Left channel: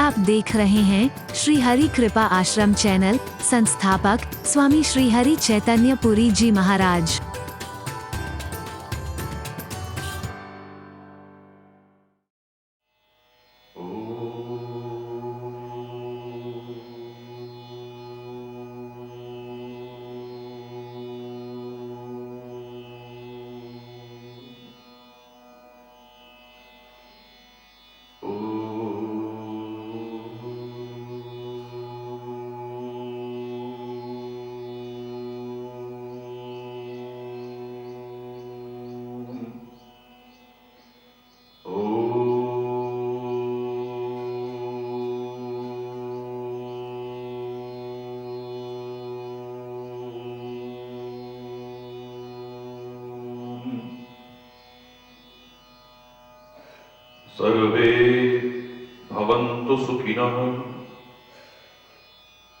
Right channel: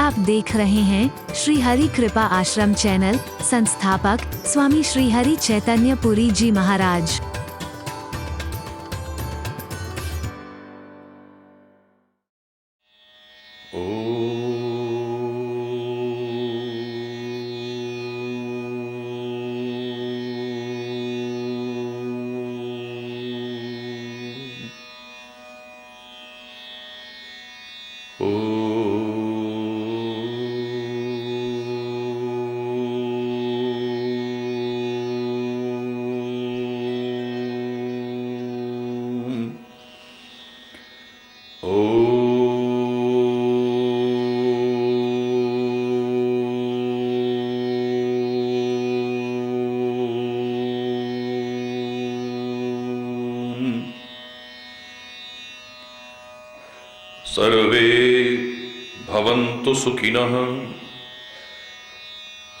आप देख रहे हैं श्री हरि कृपा आश्रम चैनल। संस्थापक स्वामी श्री हरि चैतन्य पुरी जी महाराज। सर्वे भवन्तु सुखिनः,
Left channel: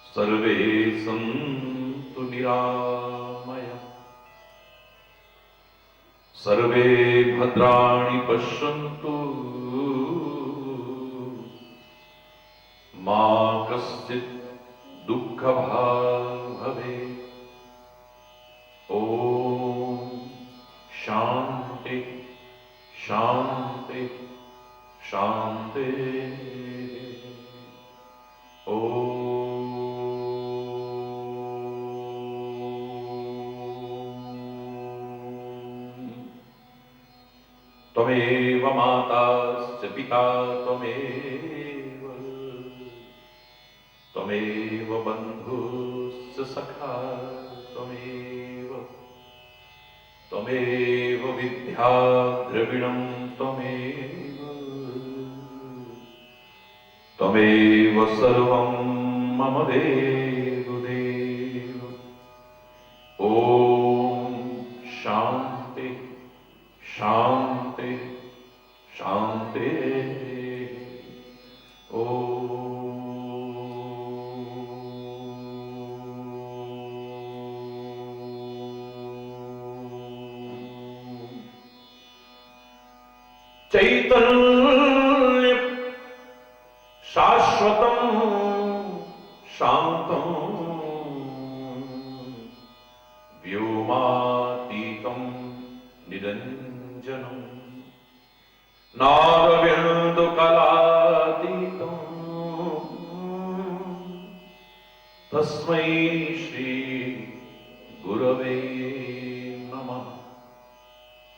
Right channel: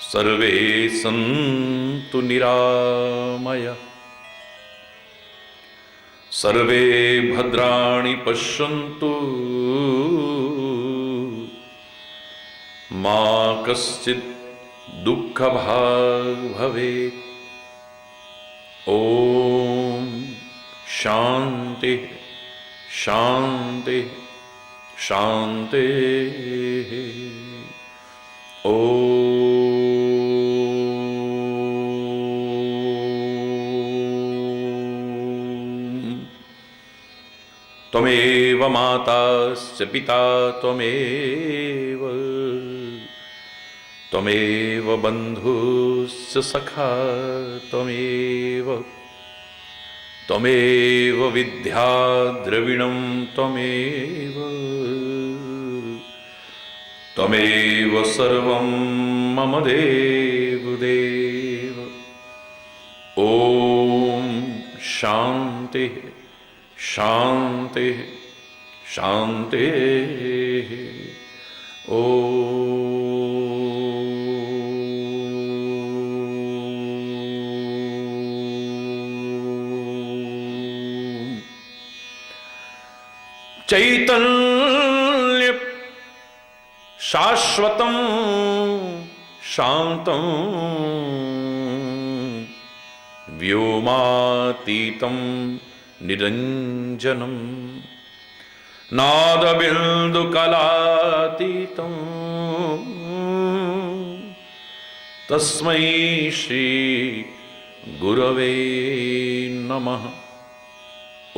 सर्वे सन्तु निरामया, सर्वे भद्राणि पश्यन्तु, मा कश्चित् दुःखभाग् भवेत्। ॐ शान्ति शान्ति शांति। ओम त्वमेव माताश्च पिता त्वमेव, त्वमेव बन्धुश्च सखा त्वमेव, त्वमेव विद्या द्रविणं त्वमेव, त्वमेव सर्वं मम देवदेव। ॐ शान्ति शान्ति शान्ति। चैतन्य शाश्वतं शान्तं व्योमातीतं निरञ्जनं नादबिन्दुकलातीतं तस्मै श्री गुरवे नमः।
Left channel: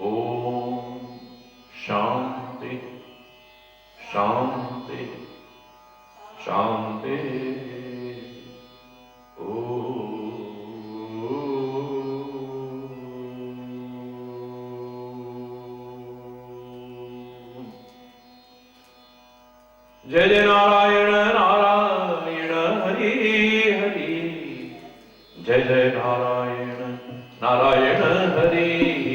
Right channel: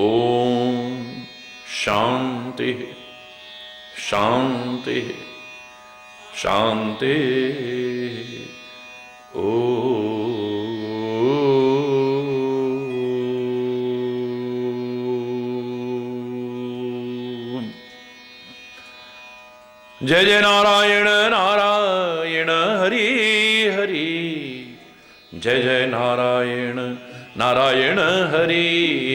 ॐ शांति शांति शांति। जय जय नारायण नारायण हरि हरि, जय जय नारायण नारायण हरि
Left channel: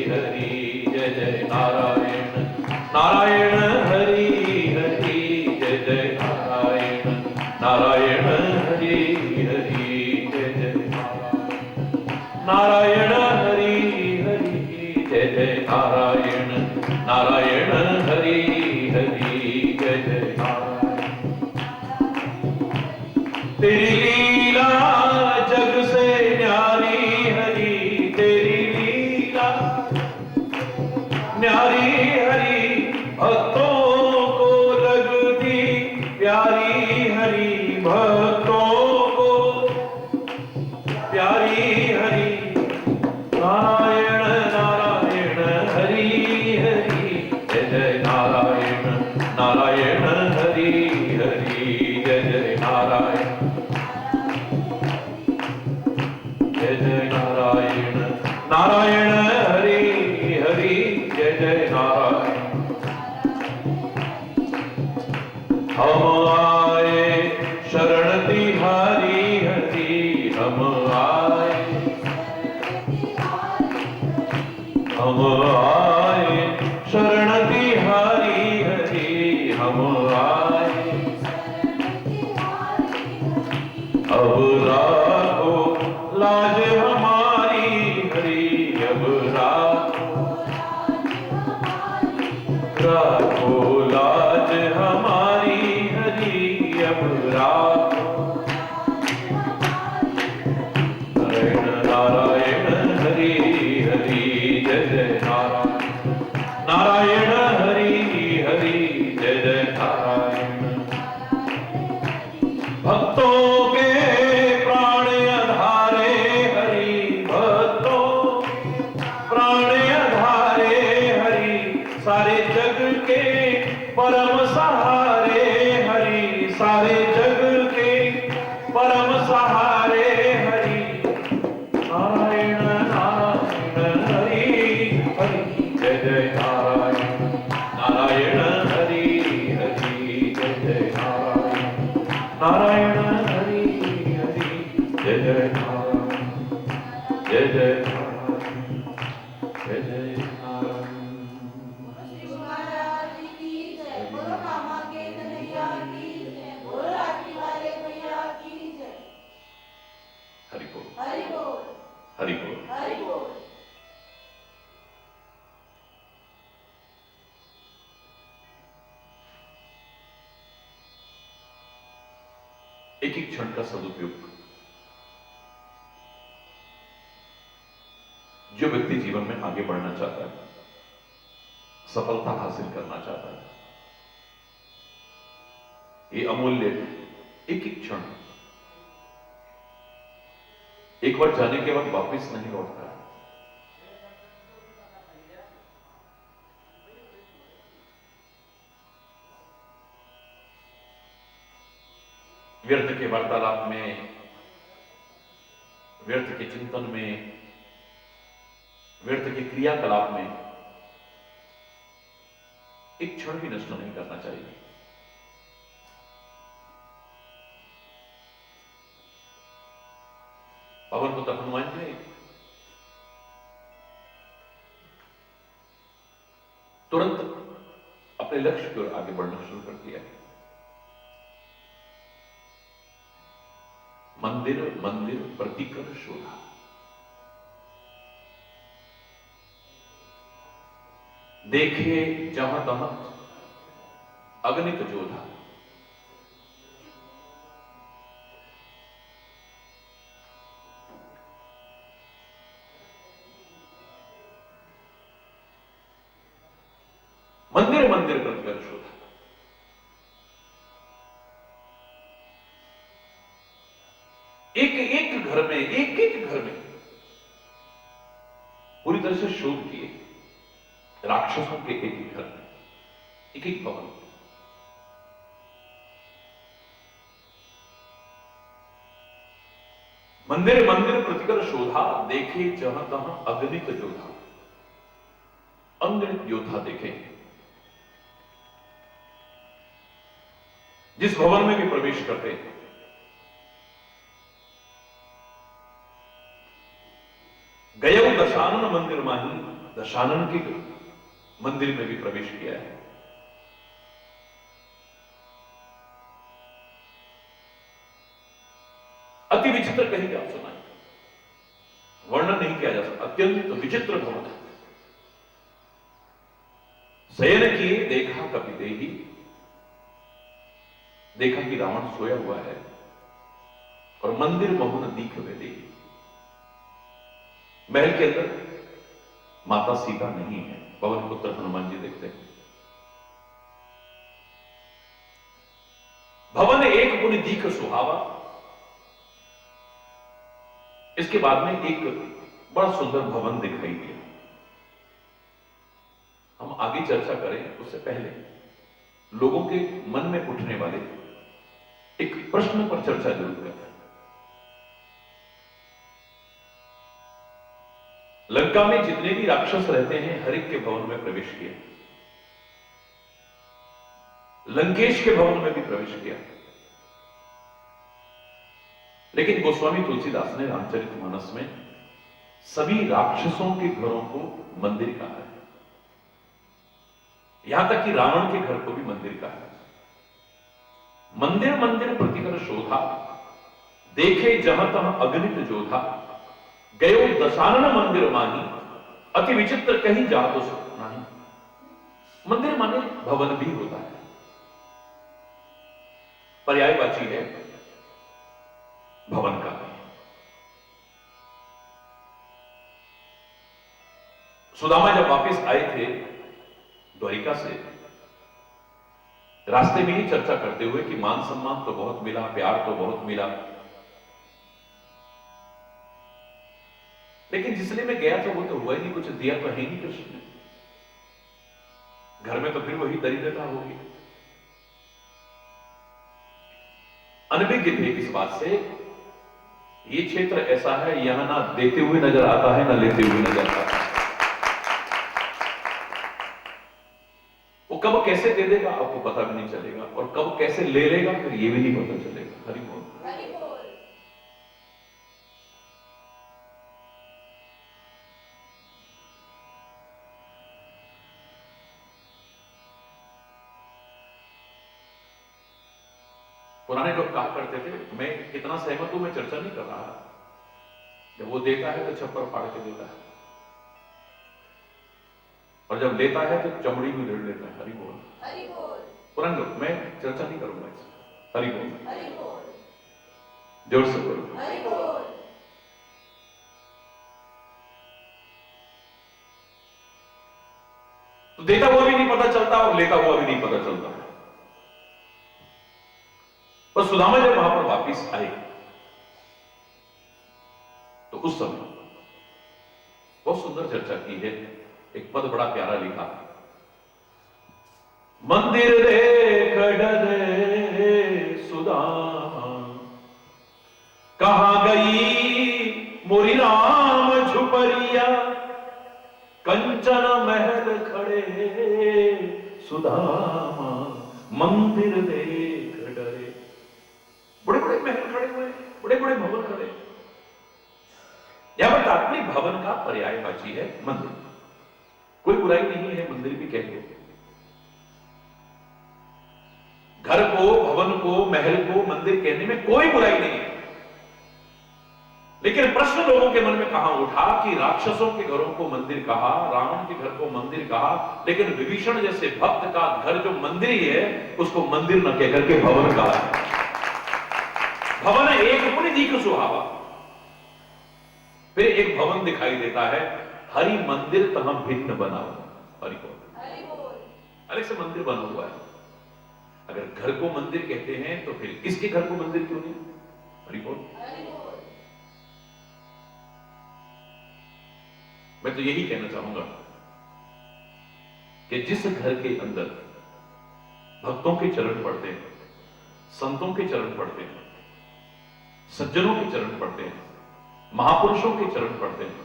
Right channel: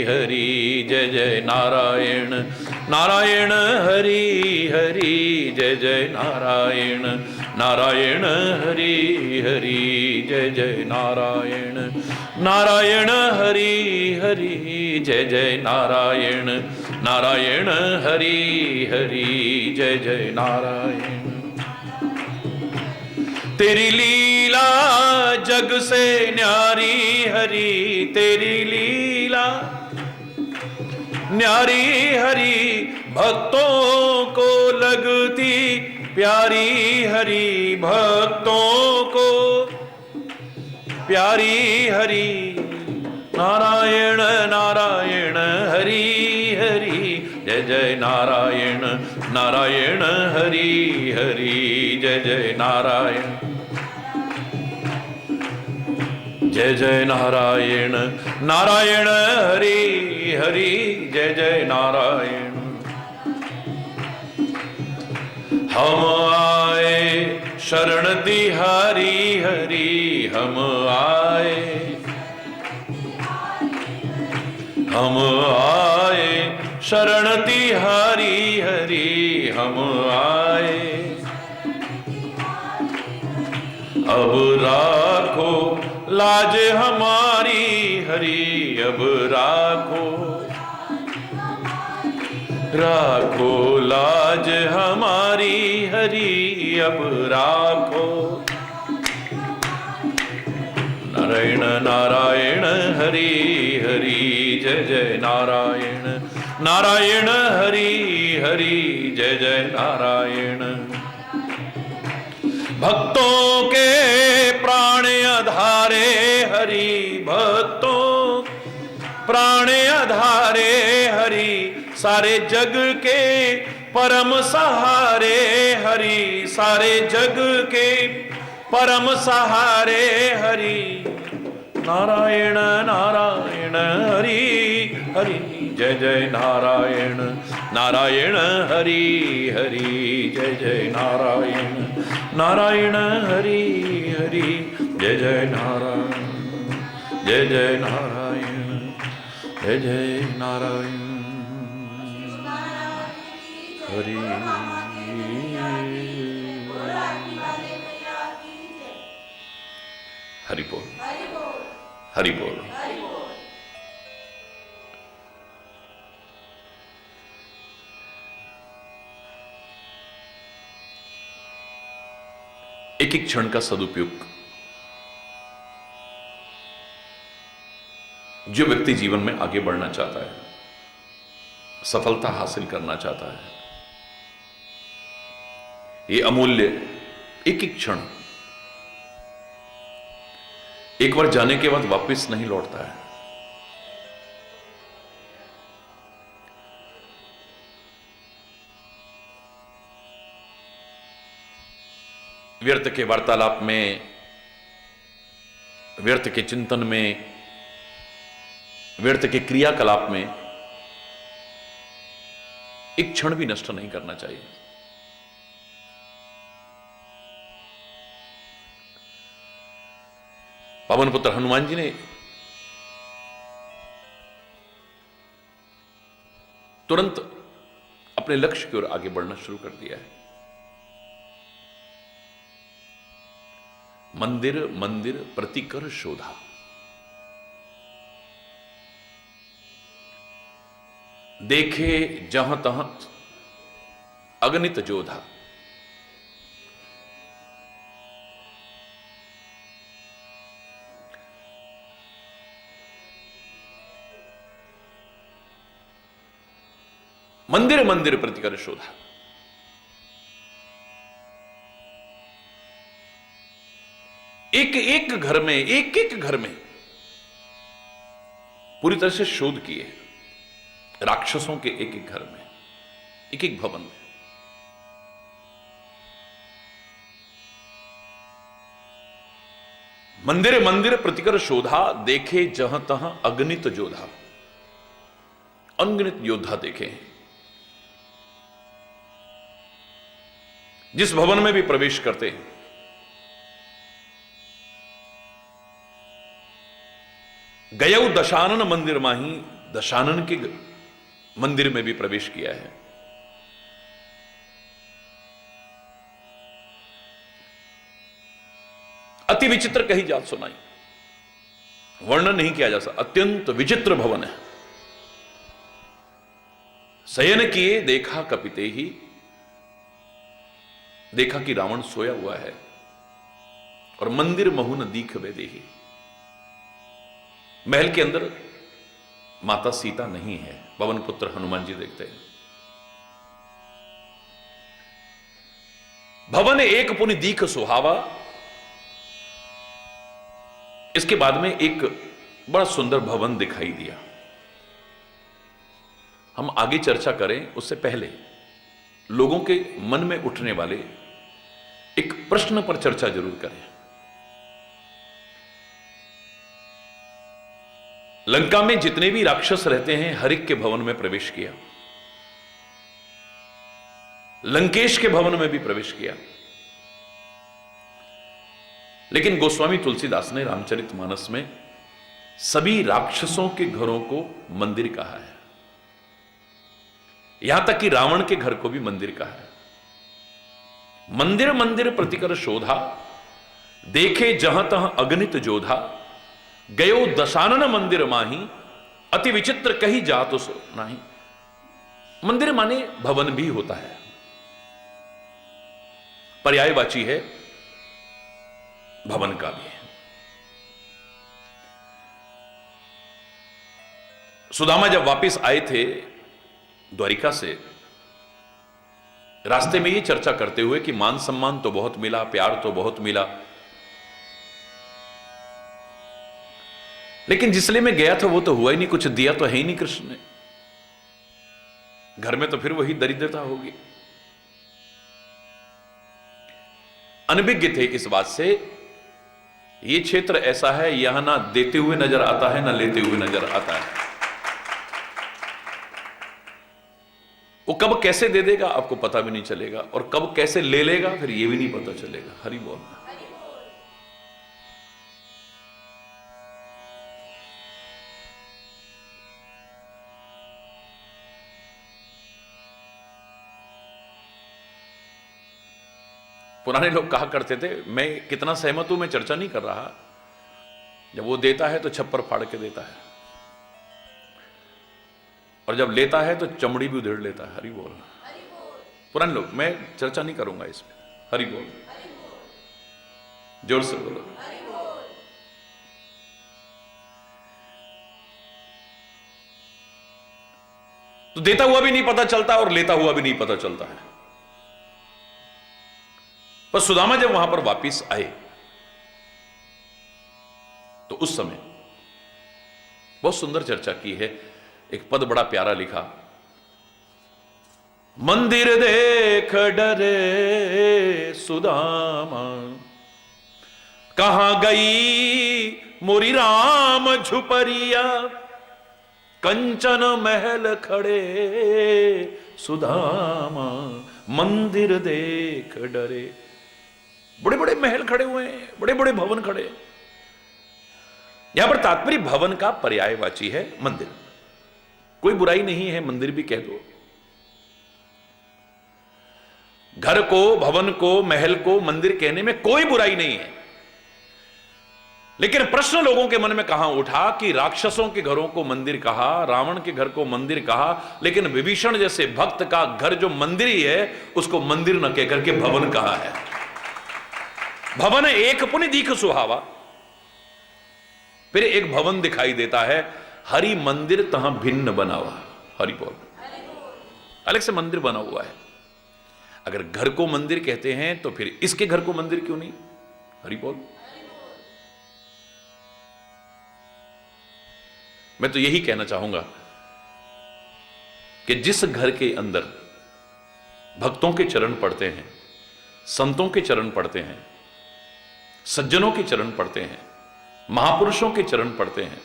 हरि, जय जय नारायण नारायण हरि हरि, जय जय नारायण नारायण हरि हरि, जय जय नारायण नारायण हरि हरि, जय जय नारायण नारायण हरि हरि, जय जय नारायण। तेरी लीला जग से न्यारी हरि, तेरी लीला न्यारी हरि, भक्तों को लगती प्यारी हरि, भक्तों को प्यारी हरि। नारायण नारायण हरि हरि, जय जय नारायण नारायण हरि हरि, जय जय नारायण जय जय नारायण नारायण हरि हरि, जय जय नारायण। हम आए शरण तिहारी हरि, हम आए शरण तिहारी हरि, हम आए। अब राखो लाज हमारी हरि, अब राखो राखो लाज हमारी हरि, जय जय नारायण। भक्तों के प्राण आधारे हरि, भक्तों प्राण आधारे हरि, सारे जग के परम सहारे हरि, सारे जग के परम सहारे हरि। नारायण नारायण हरि हरि, जय जय नारायण नारायण हरि हरि, जय जय नारायण नारायण हरि हरि, जय जय नारायण, जय जय नारायण, जय जय नारायण हरि। हरि बोल, हरि बोल। एक एक क्षण का सदुपयोग। जो व्यक्ति जीवन में आगे बढ़ना चाहता है, सफलता हासिल करना चाहता है, ये अमूल्य एक एक क्षण एक बार जाने के बाद वापस नहीं लौटता है। व्यर्थ के वार्तालाप में, व्यर्थ के चिंतन में, व्यर्थ के क्रियाकलाप में एक क्षण भी नष्ट नहीं करना चाहिए। पवन पुत्र हनुमान जी ने तुरंत अपने लक्ष्य की ओर आगे बढ़ना शुरू कर दिया है। मंदिर मंदिर प्रतिकर शोधा, देखे जहां तहां अगणित जोधा। मंदिर मंदिर प्रतिकर शोधा, एक एक घर में, एक एक घर में पूरी तरह से शोध किए। राक्षसों के एक एक घर में, एक एक भवन में। मंदिर मंदिर प्रतिकर शोधा, देखे जहां तहां अगणित जोधा। अगणित योद्धा देखे। जिस भवन में भी प्रवेश करते, गयो दशानन मंदिर माही, दशानन के मंदिर में भी प्रवेश किया है। अति विचित्र कही जात सुनाई, वर्णन नहीं किया जा सकता। अत्यंत विचित्र भवन है। शयन किए देखा कपिते ही, देखा कि रावण सोया हुआ है और मंदिर महुन दीख वे देही। महल के अंदर माता सीता नहीं है, पवन पुत्र हनुमान जी देखते हैं। भवन एक पुनि दीख सुहावा। इसके बाद में एक बड़ा सुंदर भवन दिखाई दिया। हम आगे चर्चा करें उससे पहले लोगों के मन में उठने वाले एक प्रश्न पर चर्चा जरूर करें। लंका में जितने भी राक्षस रहते हैं, हर एक के भवन में प्रवेश किया। लंकेश के भवन में भी प्रवेश किया। लेकिन गोस्वामी तुलसीदास ने रामचरितमानस में सभी राक्षसों के घरों को मंदिर कहा है। यहां तक कि रावण के घर को भी मंदिर कहा है। मंदिर मंदिर प्रतिकर शोधा, देखे जहां तहां अगणित जोधा। गयो दशानन मंदिर माही, अति विचित्र कहीं जा तो नहीं। मंदिर माने भवन भी होता है, पर्यायवाची है, भवन का भी है। सुदामा जब वापस आए थे द्वारिका से, रास्ते में ये चर्चा करते हुए कि मान सम्मान तो बहुत मिला, प्यार तो बहुत मिला, लेकिन जिस लिए मैं गया था वो तो हुआ ही नहीं, कुछ दिया तो है ही नहीं कृष्ण ने। घर में तो फिर वही दरिद्रता होगी। अनभिज्ञ थे इस बात से। ये क्षेत्र ऐसा है, यहां ना देते हुए नजर आता है ना लेते हुए नजर आता है। वो कब कैसे दे देगा आपको पता भी नहीं चलेगा, और कब कैसे ले लेगा फिर ये भी नहीं पता चलेगा। हरि बोल। पुराने लोग कहा करते थे, मैं कितना सहमत हूं मैं चर्चा नहीं कर रहा, जब वो देता है तो छप्पर फाड़ के देता है, और जब लेता है तो चमड़ी भी उधेड़ लेता है। हरि बोल। पुराने लोग, मैं चर्चा नहीं करूंगा इसमें। हरि बोल, जोर से बोलो। तो देता हुआ भी नहीं पता चलता और लेता हुआ भी नहीं पता चलता है। पर सुदामा जब वहां पर वापिस आए तो उस समय बहुत सुंदर चर्चा की है। एक पद बड़ा प्यारा लिखा, मंदिर देख डरे सुदामा, कहां गई मोरी राम झुपरिया, कंचन महल खड़े सुदामा, मंदिर देख डरे। बड़े बड़े महल खड़े हुए हैं, बड़े बड़े भवन खड़े। यहां पर तात्पर्य भवन का पर्यायवाची है मंदिर। कोई बुराई नहीं है, मंदिर भी कह दो। घर को, भवन को, महल को मंदिर कहने में कोई बुराई नहीं है। लेकिन प्रश्न लोगों के मन में कहां उठा कि राक्षसों के घरों को मंदिर कहा, रावण के घर को मंदिर कहा, लेकिन विभीषण जैसे भक्त का घर जो मंदिर ही है उसको मंदिर न कहकर के भवन कहा है। भवन एक पुनि दीख सुहावा, फिर एक भवन दिखाई देता है, हरि मंदिर तहां भिन्न बना हुआ। हरि बोल। अलग से मंदिर बना हुआ है। अगर घर को मंदिर कहते हैं तो फिर इसके घर को मंदिर क्यों नहीं? हरि बोल। मैं तो यही कहना चाहूंगा कि जिस घर के अंदर भक्तों के चरण पड़ते हैं, संतों के चरण पड़ते हैं, सज्जनों के चरण पड़ते हैं, महापुरुषों के चरण पड़ते हैं,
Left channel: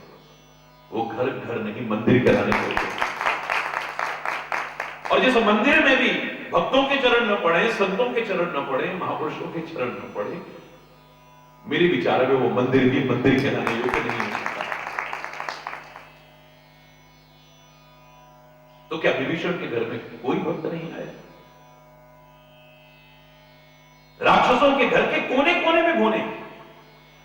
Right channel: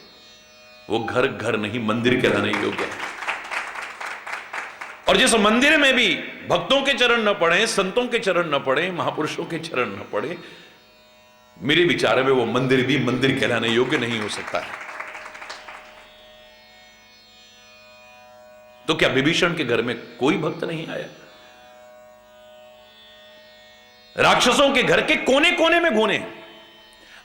वो घर घर नहीं मंदिर कहलाने योग्य। और जिस मंदिर में भी भक्तों के चरण न पड़े, संतों के चरण न पड़े, महापुरुषों के चरण न पड़े, मेरे विचार में वो मंदिर भी मंदिर कहलाने योग्य नहीं हो सकता है। तो क्या विभीषण के घर में कोई भक्त नहीं आया? राक्षसों के घर के कोने कोने में घूमे।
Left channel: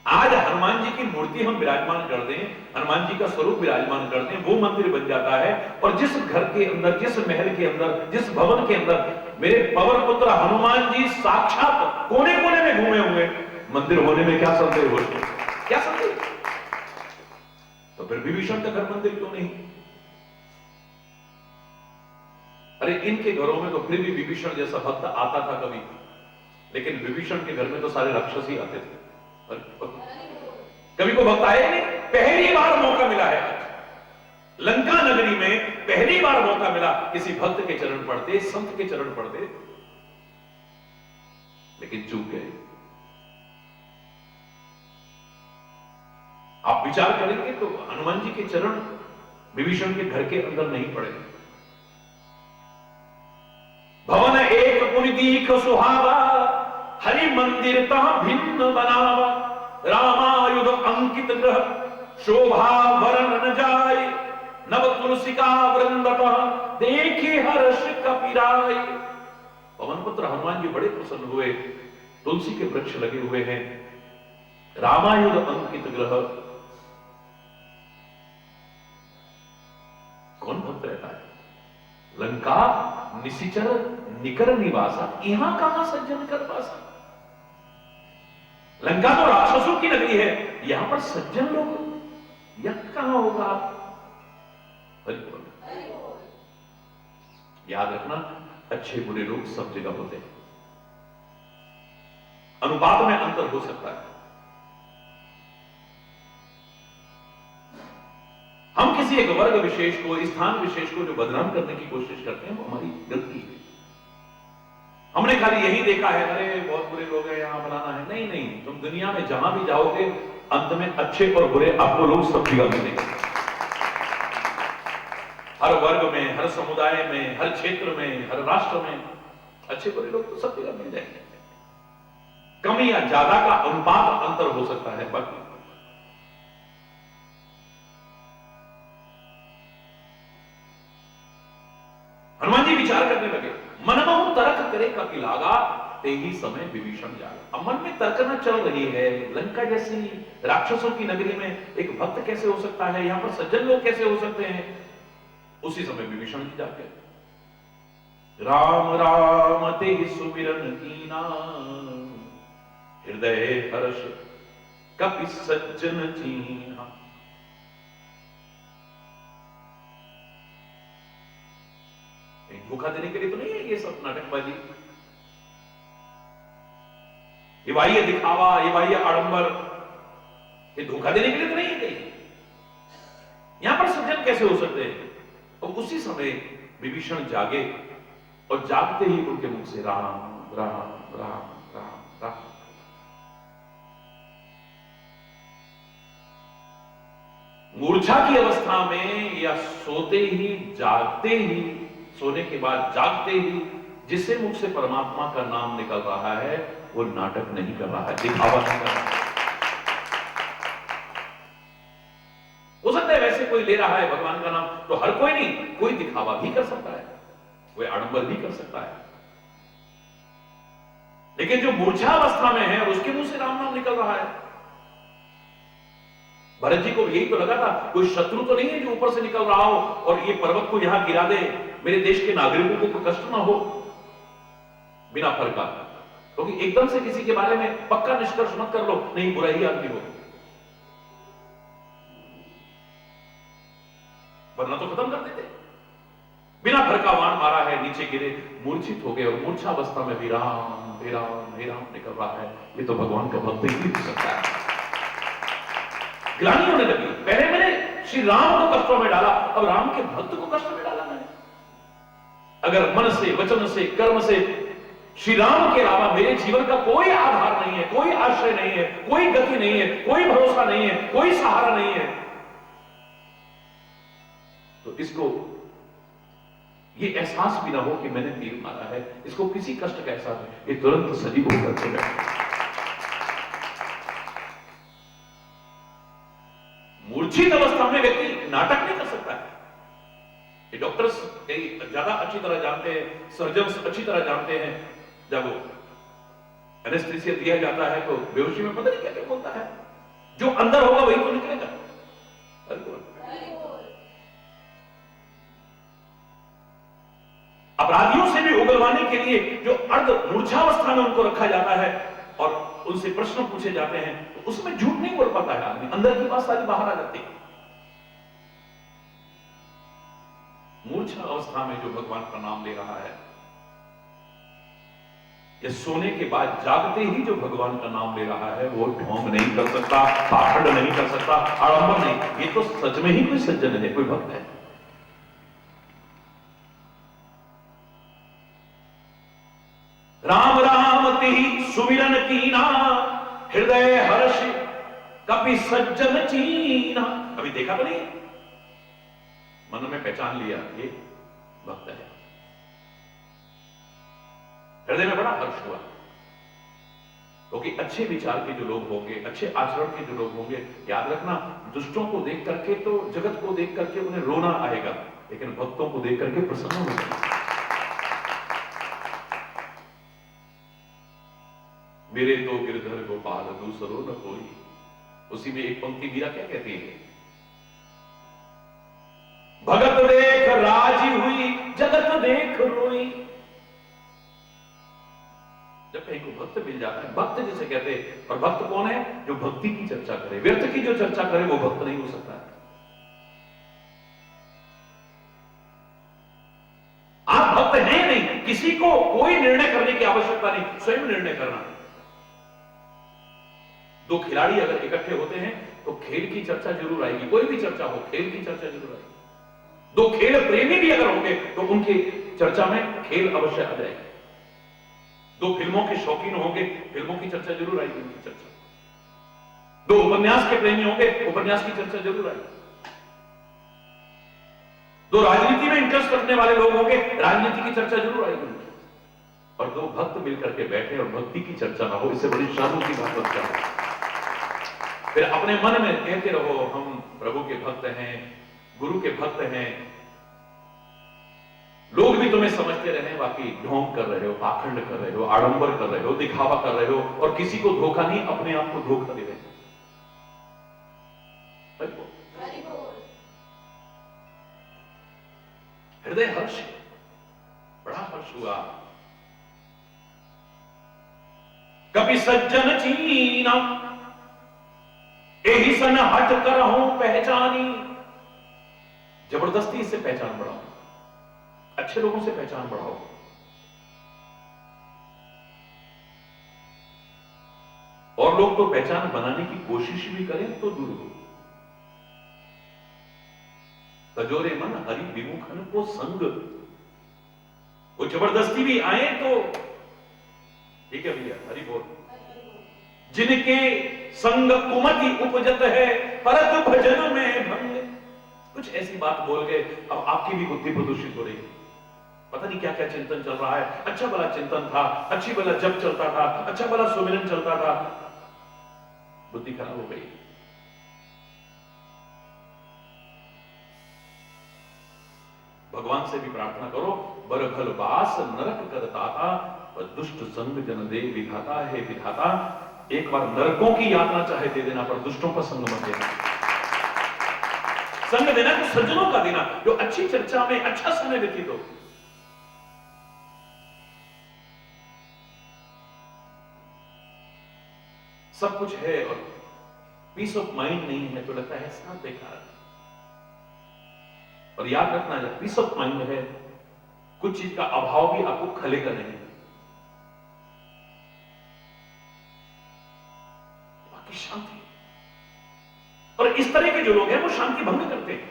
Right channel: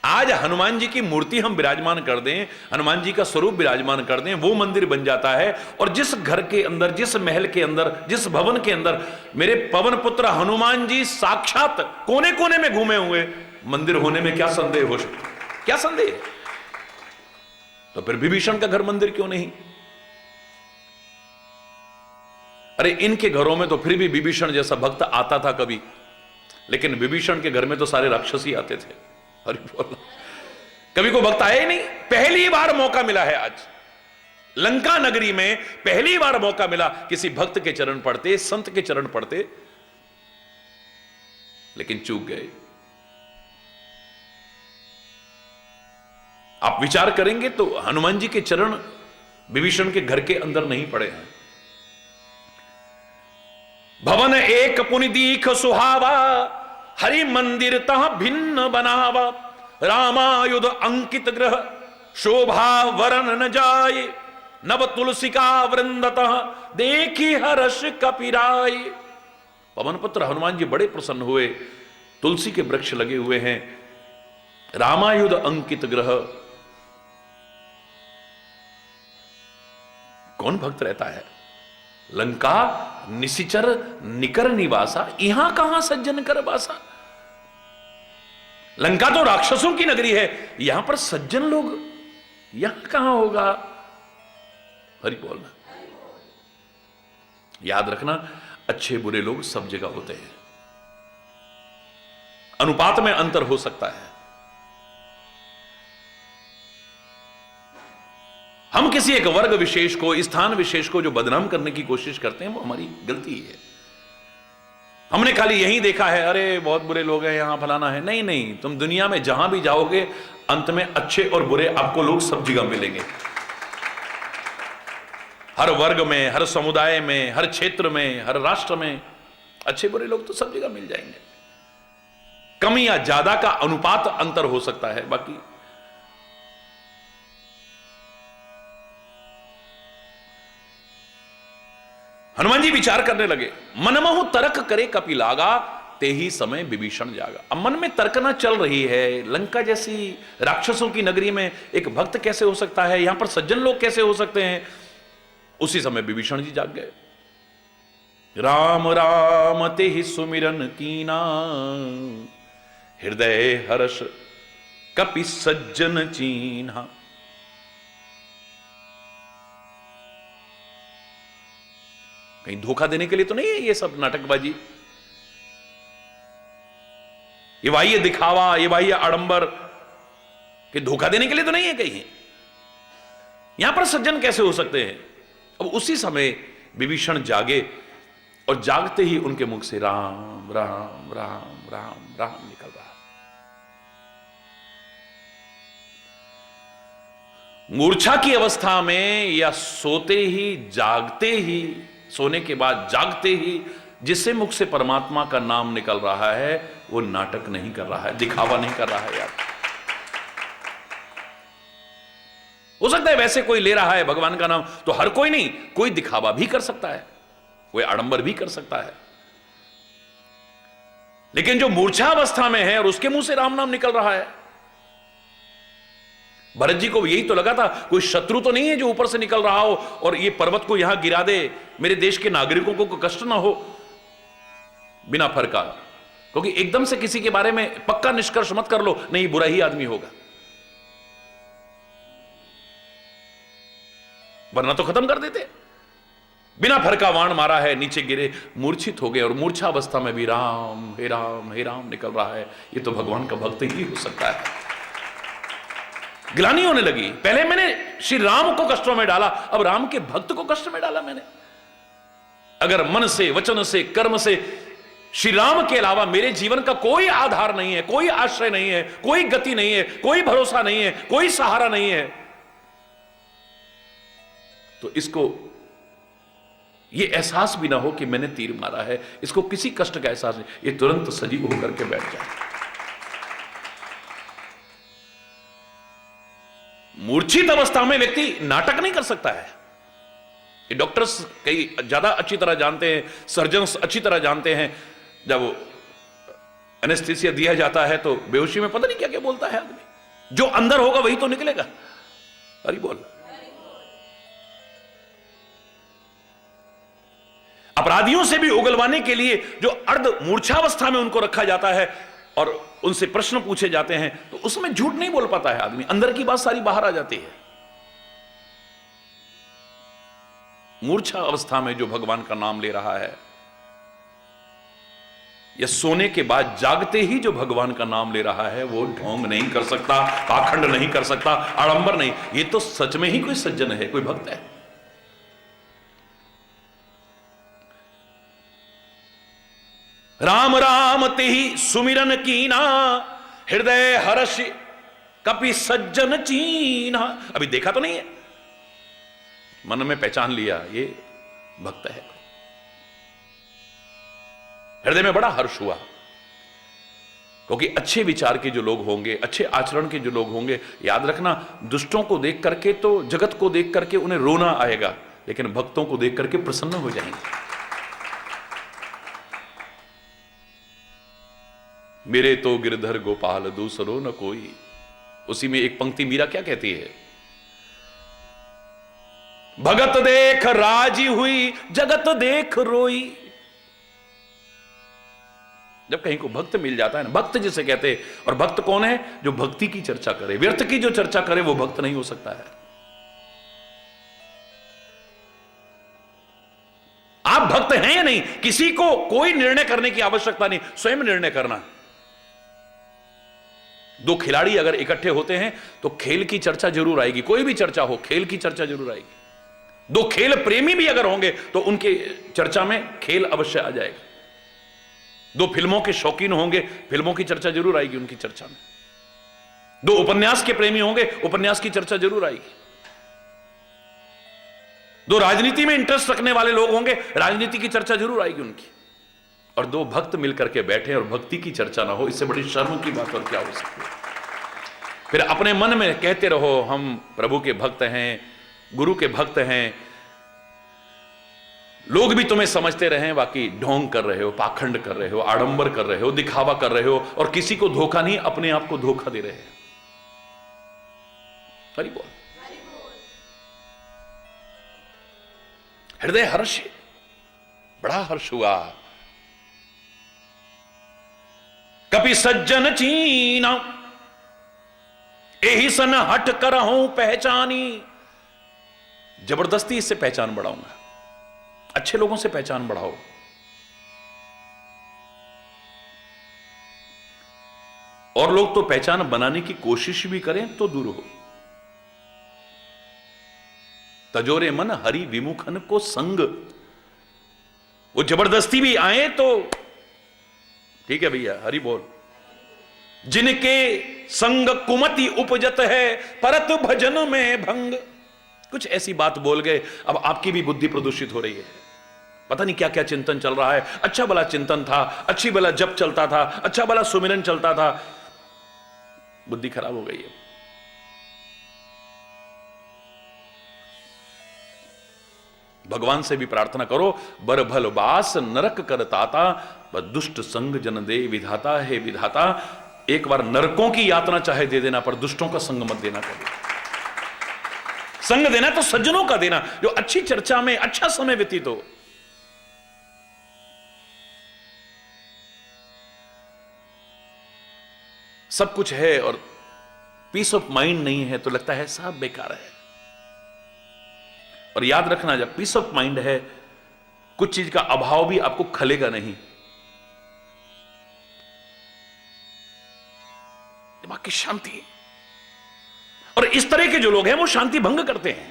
आज हनुमान जी की मूर्ति हम विराजमान कर दें, हनुमान जी का स्वरूप विराजमान कर दें, वो मंदिर बन जाता है। और जिस घर के अंदर, जिस महल के अंदर, जिस भवन के अंदर मेरे पवन पुत्र हनुमान जी साक्षात कोने कोने में घूमे हुए, मंदिर होने में क्या संदेह हो? क्या संदेह? तो फिर विभीषण का घर मंदिर क्यों नहीं? अरे इनके घरों में तो फिर भी विभीषण जैसा भक्त आता था कभी, लेकिन विभीषण के घर में तो सारे राक्षस ही आते थे। अरे कभी को भक्त आए नहीं। पहली बार मौका मिला है आज लंका नगरी में, पहली बार मौका मिला किसी भक्त के चरण पड़ते, संत के चरण पड़ते, लेकिन चूक गए। आप विचार करेंगे तो हनुमान जी के चरण विभीषण के घर के अंदर नहीं पड़े हैं। भवन एक पुनि दीख सुहावा, हरि मंदिर तह भिन्न बनावा, रामायुध अंकित ग्रह, शोभा वरन न जाय, नव तुलसिका वृंदतः, देखी हर्ष कपिराय। पवन पुत्र हनुमान जी बड़े प्रसन्न हुए। तुलसी के वृक्ष लगे हुए हैं, रामायुध अंकित ग्रह। कौन भक्त रहता है? लंका निशिचर निकर निवासा, यहां कहां सज्जन कर बासा। लंका तो राक्षसों की नगरी है, यहां पर सज्जन लोग यहां कहां होगा? हरि बोल। याद रखना, अच्छे बुरे लोग सब जगह होते हैं, अनुपात में अंतर हो सकता है। हम किसी एक वर्ग विशेष को, स्थान विशेष को जो बदनाम करने की कोशिश करते हैं, वो हमारी गलती है। हमने खाली यही देखा है, अरे बहुत बुरे लोग हैं यहां, फलाना है। नहीं नहीं, तुम दुनिया में जहां भी जाओगे अंत में अच्छे और बुरे आपको लोग सब जगह मिलेंगे। हर वर्ग में, हर समुदाय में, हर क्षेत्र में, हर राष्ट्र में अच्छे बुरे लोग तो सब जगह मिल जाएंगे। कम या ज्यादा का अनुपात अंतर हो सकता है, बाकी हनुमान जी विचार करने लगे। मनमोह तर्क करे कपि लागा, ते ही समय विभीषण जागा। अब मन में तर्कना चल रही है, लंका जैसी राक्षसों की नगरी में एक भक्त कैसे हो सकता है, यहां पर सज्जन लोग कैसे हो सकते हैं। उसी समय विभीषण जी जाग गए। राम राम ते ही सुमिरन कीना, हृदय हर्ष कपि सज्जन चीन्हा। कहीं धोखा देने के लिए तो नहीं है ये सब नाटकबाजी, ये बाह्य दिखावा, ये बाह्य आडंबर, कि धोखा देने के लिए तो नहीं है कहीं। यहां पर सज्जन कैसे हो सकते हैं। अब उसी समय विभीषण जागे और जागते ही उनके मुख से राम राम राम राम राम निकल रहा। मूर्छा की अवस्था में या सोते ही, जागते ही, सोने के बाद जागते ही जिससे मुख से परमात्मा का नाम निकल रहा है, वो नाटक नहीं कर रहा है, दिखावा नहीं कर रहा है। हो सकता है वैसे कोई ले रहा है भगवान का नाम, तो हर कोई नहीं, कोई दिखावा भी कर सकता है, कोई आडंबर भी कर सकता है। लेकिन जो मूर्छा अवस्था में है और उसके मुंह से राम नाम निकल रहा है, भरत जी को यही तो लगा था, कोई शत्रु तो नहीं है जो ऊपर से निकल रहा हो और ये पर्वत को यहां गिरा दे, मेरे देश के नागरिकों को कोई कष्ट ना हो बिना फर्का। क्योंकि एकदम से किसी के बारे में पक्का निष्कर्ष मत कर लो, नहीं बुरा ही आदमी होगा, वरना तो खत्म कर देते। बिना फर्का वाण मारा है, नीचे गिरे, मूर्छित हो गए और मूर्छा अवस्था में भी राम हे राम हे राम निकल रहा है। ये तो भगवान का भक्त ही हो सकता है। गिलानी होने लगी, पहले मैंने श्री राम को कष्टों में डाला, अब राम के भक्त को कष्ट में डाला मैंने। अगर मन से, वचन से, कर्म से श्री राम के अलावा मेरे जीवन का कोई आधार नहीं है, कोई आश्रय नहीं है, कोई गति नहीं है, कोई भरोसा नहीं है, कोई सहारा नहीं है, तो इसको ये एहसास भी ना हो कि मैंने तीर मारा है, इसको किसी कष्ट का एहसास है, ये तुरंत सजीव होकर के बैठ जाए। मूर्छित अवस्था में व्यक्ति नाटक नहीं कर सकता है। ये डॉक्टर्स कई ज्यादा अच्छी तरह जानते हैं, सर्जन्स अच्छी तरह जानते हैं। जब एनेस्थीसिया दिया जाता है तो बेहोशी में पता नहीं क्या क्या बोलता है आदमी, जो अंदर होगा वही तो निकलेगा। अरे बोल। अपराधियों से भी उगलवाने के लिए जो अर्ध मूर्छावस्था में उनको रखा जाता है और उनसे प्रश्न पूछे जाते हैं, तो उसमें झूठ नहीं बोल पाता है आदमी, अंदर की बात सारी बाहर आ जाती है। मूर्छा अवस्था में जो भगवान का नाम ले रहा है, या सोने के बाद जागते ही जो भगवान का नाम ले रहा है, वो ढोंग नहीं कर सकता, पाखंड नहीं कर सकता, आडंबर नहीं। ये तो सच में ही कोई सज्जन है, कोई भक्त है। राम राम ते ही सुमिरन कीना, हृदय हर्ष कपि सज्जन चीना। अभी देखा तो नहीं है, मन में पहचान लिया ये भक्त है। हृदय में बड़ा हर्ष हुआ, क्योंकि अच्छे विचार के जो लोग होंगे, अच्छे आचरण के जो लोग होंगे, याद रखना, दुष्टों को देख करके तो, जगत को देख करके उन्हें रोना आएगा, लेकिन भक्तों को देख करके प्रसन्न हो जाएंगे। मेरे तो गिरधर गोपाल दूसरो न कोई। उसी में एक पंक्ति मीरा क्या कहती है, भगत देख राजी हुई, जगत देख रोई। जब कहीं को भक्त मिल जाता है, भक्त जिसे कहते हैं, और भक्त कौन है, जो भक्ति की चर्चा करे, व्यर्थ की जो चर्चा करे वो भक्त नहीं हो सकता है। आप भक्त हैं या नहीं, किसी निर्णय करने की आवश्यकता नहीं, स्वयं निर्णय करना। दो खिलाड़ी अगर इकट्ठे होते हैं तो खेल की चर्चा जरूर आएगी, कोई भी चर्चा हो खेल की चर्चा जरूर आएगी। दो खेल प्रेमी भी अगर होंगे तो उनकी चर्चा में खेल अवश्य आ जाएगा। दो फिल्मों के शौकीन होंगे, फिल्मों की चर्चा जरूर आएगी उनकी चर्चा में। दो उपन्यास के प्रेमी होंगे, उपन्यास की चर्चा जरूर आएगी। दो राजनीति में इंटरेस्ट रखने वाले लोग होंगे, राजनीति की चर्चा जरूर आएगी उनकी। और दो भक्त मिलकर के बैठे और भक्ति की चर्चा ना हो, इससे बड़ी शर्म की बात और क्या हो सकती है। फिर अपने मन में कहते रहो हम प्रभु के भक्त हैं, गुरु के भक्त हैं, लोग भी तुम्हें समझते रहे, बाकी ढोंग कर रहे हो, पाखंड कर रहे हो, आडंबर कर रहे हो, दिखावा कर रहे हो, और किसी को धोखा नहीं, अपने आप को धोखा दे रहे हैं। हरि बोल। हृदय हर्ष, बड़ा हर्ष हुआ। कभी सज्जन चीना यही सन हट कर हूं पहचानी। जबरदस्ती इससे पहचान बढ़ाऊंगा, अच्छे लोगों से पहचान बढ़ाओ। और लोग तो पहचान बनाने की कोशिश भी करें तो दूर हो। तजोरे मन हरि विमुखन को संग, वो जबरदस्ती भी आए तो ठीक है भैया, हरि बोल। जिनके संग कुमति उपजत है, परत भजन में भंग। कुछ ऐसी बात बोल गए, अब आपकी भी बुद्धि प्रदूषित हो रही है। पता नहीं क्या क्या चिंतन चल रहा है। अच्छा भला चिंतन था, अच्छी भला जप चलता था, अच्छा भला सुमिरन चलता था, बुद्धि खराब हो गई है। भगवान से भी प्रार्थना करो, बर भल बास नरक कर ताता, दुष्ट संग जन दे विधाता। है विधाता, एक बार नरकों की यात्रा चाहे दे देना, पर दुष्टों का संग मत देना। संग देना तो सज्जनों का देना, जो अच्छी चर्चा में अच्छा समय व्यतीत हो। सब कुछ है और पीस ऑफ माइंड नहीं है तो लगता है सब बेकार है। और याद रखना, जब पीस ऑफ माइंड है, कुछ चीज का अभाव भी आपको खलेगा नहीं। दिमाग की शांति। और इस तरह के जो लोग हैं वो शांति भंग करते हैं,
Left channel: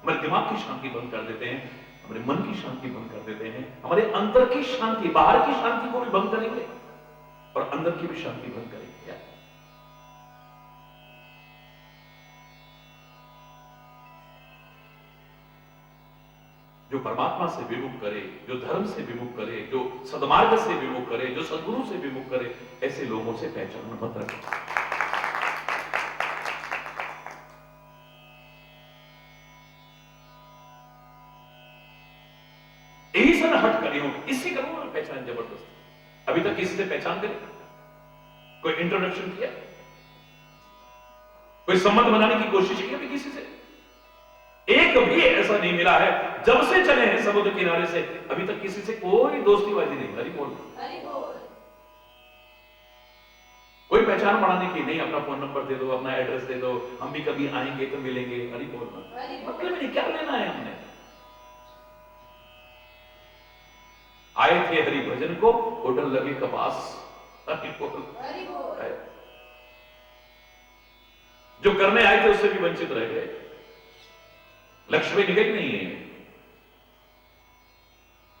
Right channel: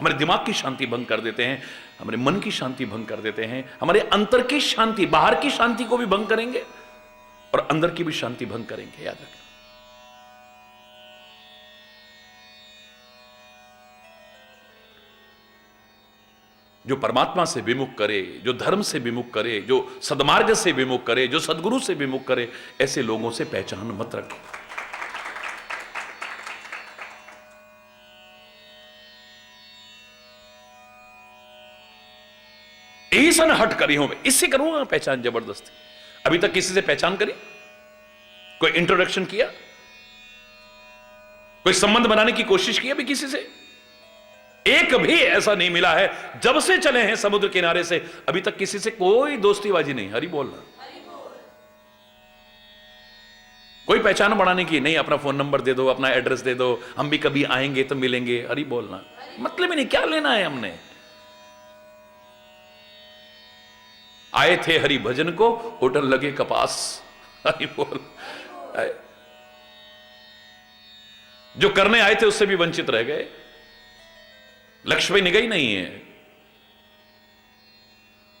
हमारे दिमाग की शांति भंग कर देते हैं, हमारे मन की शांति भंग कर देते हैं, हमारे अंतर की शांति, बाहर की शांति को भी भंग करेंगे और अंदर की भी शांति भंग करेंगे। याद रखना। जो परमात्मा से विमुख करे, जो धर्म से विमुख करे, जो सद्मार्ग से विमुख करे, जो सद्गुरु से विमुख करे, ऐसे लोगों से पहचान मत रखें। यही सन हट करी हूं मैं, इससे करूंगा पहचान जबरदस्ती। अभी तक किसी से पहचान करी? कोई इंट्रोडक्शन किया? कोई संबंध बनाने की कोशिश की अभी किसी से? एक भी ऐसा नहीं मिला है, जब से चले हैं समुद्र किनारे से अभी तक किसी से कोई दोस्तीबाजी नहीं। हरि बोल। कोई पहचान बढ़ाने की नहीं, अपना फोन नंबर दे दो, अपना एड्रेस दे दो, हम भी कभी आएंगे तो मिलेंगे। हरि बोलना मतलब ही नहीं, क्या लेना है हमने। आए थे हरि भजन को, होटल लगे कपास। हरि बोल। जो करने आए थे उससे भी वंचित रह गए, लक्ष्य पे निगाह नहीं है,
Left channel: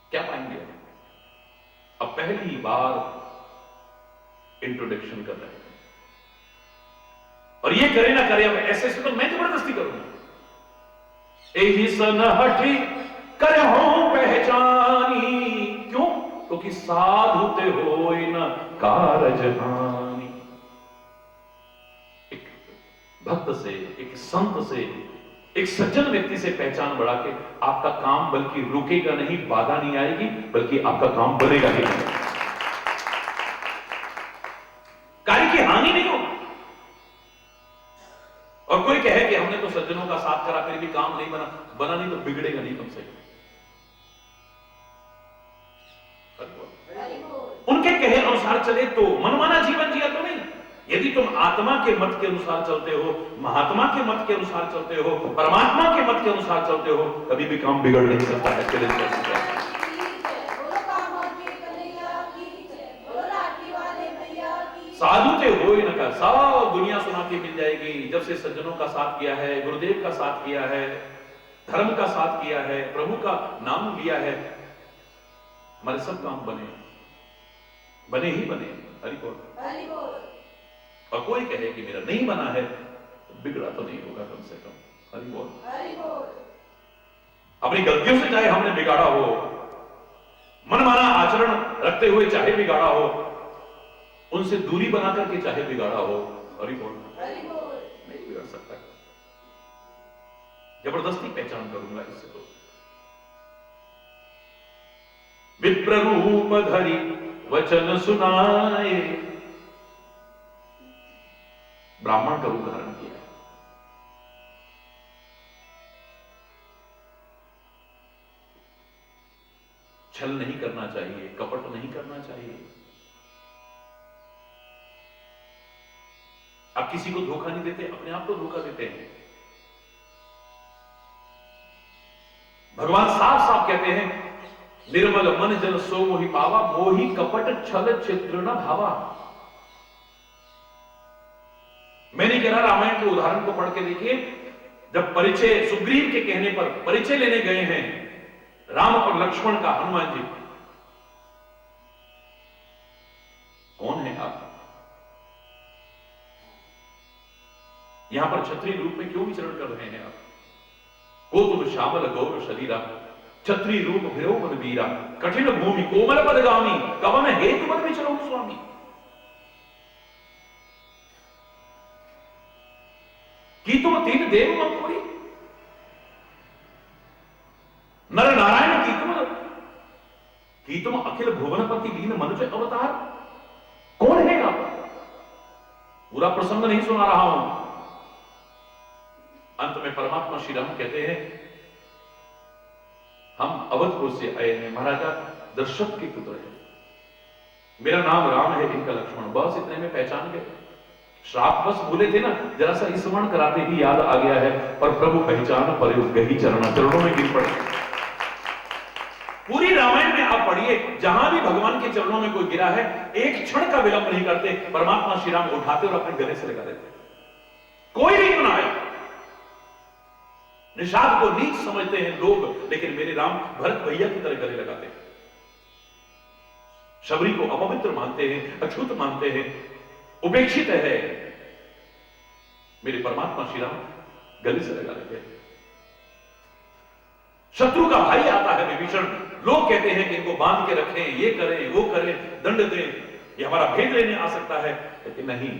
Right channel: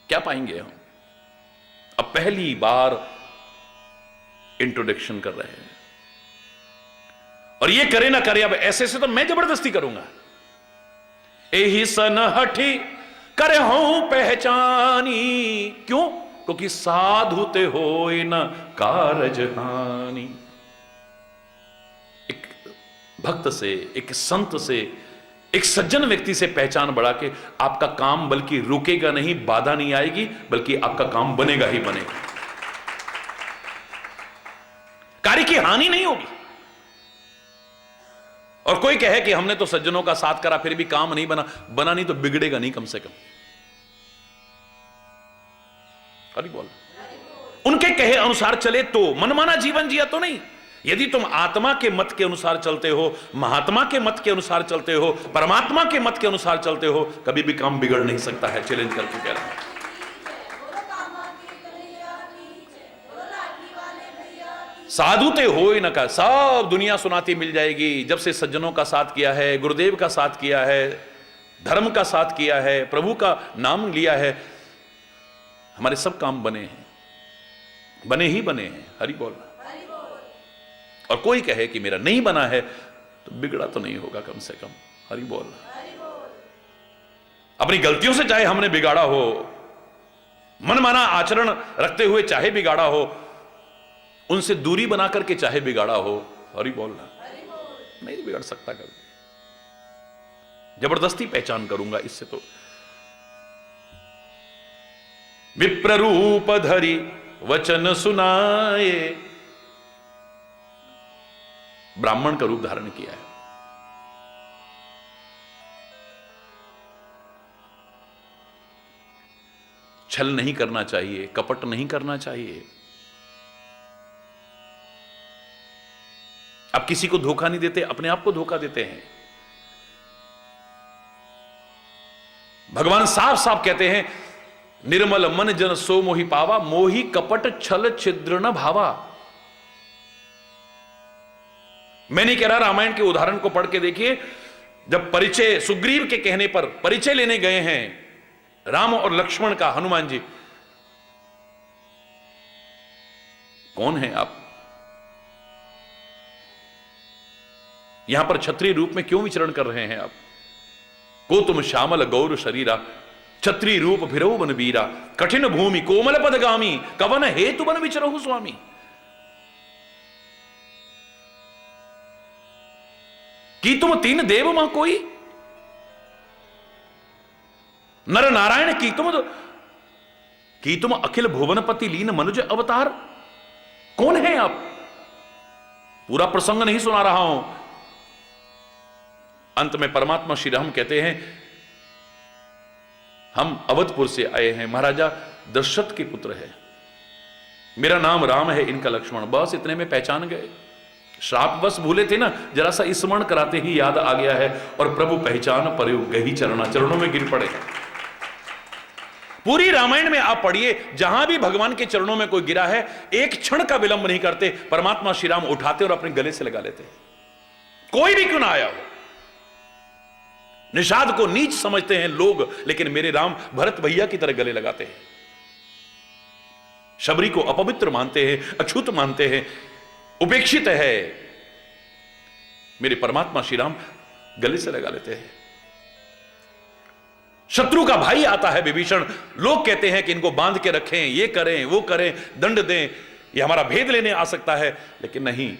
क्या पाएंगे हम? अब पहली बार इंट्रोडक्शन कर रहे हैं, और ये करे ना करे, अब ऐसे से तो मैं जबरदस्ती करूंगा। एही सन हठी करे हो पहचानी, क्यों? क्योंकि साधु ते होए न कारज हानि। एक भक्त से, एक संत से, एक सज्जन व्यक्ति से पहचान बढ़ा के आपका काम बल्कि रुकेगा नहीं, बाधा नहीं आएगी, बल्कि आपका काम बनेगा ही बनेगा। कार्य की हानि नहीं होगी। और कोई कहे कि हमने तो सज्जनों का साथ करा फिर भी काम नहीं बना नहीं तो बिगड़ेगा नहीं कम से कम। अरे बोल। उनके कहे अनुसार चले तो मनमाना जीवन जिया तो नहीं। यदि तुम आत्मा के मत के अनुसार चलते हो, महात्मा के मत के अनुसार चलते हो, परमात्मा के मत के अनुसार चलते हो, कभी भी काम बिगड़ नहीं सकता है। चैलेंज करते हैं। साधुते होए न का, सब दुनिया सुनाती मिल जाएगी। जब से सज्जनों का साथ किया है, गुरुदेव का साथ किया है, धर्म का साथ किया है, प्रभु का नाम लिया है, हमारे सब काम बने हैं, बने ही बने हैं। हरि बोल। और कोई कहे कि मेरा नहीं बना है तो बिगड़ा तो नहीं होगा कम से कम। हरि बोल। अपनी गलतियों से चाहे हमने बिगाड़ा हो, मनमाना आचरण रखते हुए चाहे बिगाड़ा हो, उनसे दूरी बना करके चाहे बिगाड़ा हो, हरि बोलना, नहीं बिगड़ सकता कभी। जबरदस्ती पहचान करूंगा इससे तो। विप्र रूप धरि वचन सुनाए, ब्राह्मण का रूप धारण किया है। छल नहीं करना चाहिए, कपट नहीं करना चाहिए। आप किसी को धोखा नहीं देते, अपने आप को धोखा देते हैं। भगवान साफ साफ कहते हैं, निर्मल मन जन सो मोहि पावा, मोहि कपट छल छिद्र न भावा। मैं नहीं कह रहा, रामायण के उदाहरण को पढ़ के देखिए। जब परिचय सुग्रीव के कहने पर परिचय लेने गए हैं राम और लक्ष्मण का, हनुमान जी, कौन है आप? यहां पर क्षत्रिय रूप में क्यों विचरण कर रहे हैं आप? को तुम श्यामल गौर शरीरा, क्षत्रिय रूप भिरौ बन बीरा, कठिन भूमि कोमल पदगामी, कवन हेतु बन विचरहु स्वामी। की तुम तीन देव मां कोई, नर नारायण की तुम अखिल भुवनपति लीन मनुज अवतार। कौन है आप? पूरा प्रसंग नहीं सुना रहा हूं। अंत में परमात्मा श्री राम कहते हैं, हम अवधपुर से आए हैं, महाराजा दशरथ के पुत्र है, मेरा नाम राम है, इनका लक्ष्मण। बस इतने में पहचान गए। श्राप बस भूले थे ना, जरा सा स्मरण कराते ही याद आ गया है, और प्रभु पहचान पर गही चरणों में गिर पड़े। पूरी रामायण में आप पढ़िए, जहां भी भगवान के चरणों में कोई गिरा है, एक क्षण का विलंब नहीं करते, परमात्मा श्री राम उठाते और अपने गले से लगा लेते। कोई भी क्यों ना आया। निषाद को नीच समझते हैं लोग, लेकिन मेरे राम भरत भैया की तरह गले लगाते हैं। शबरी को अपवित्र मानते हैं, अछूत मानते हैं, उपेक्षित है, मेरे परमात्मा श्री राम गले से लगा लेते हैं। शत्रु का भाई आता है विभीषण, लोग कहते हैं कि इनको बांध के रखें, ये करें वो करें, दंड दें, ये हमारा भेद लेने आ सकता है, लेकिन नहीं,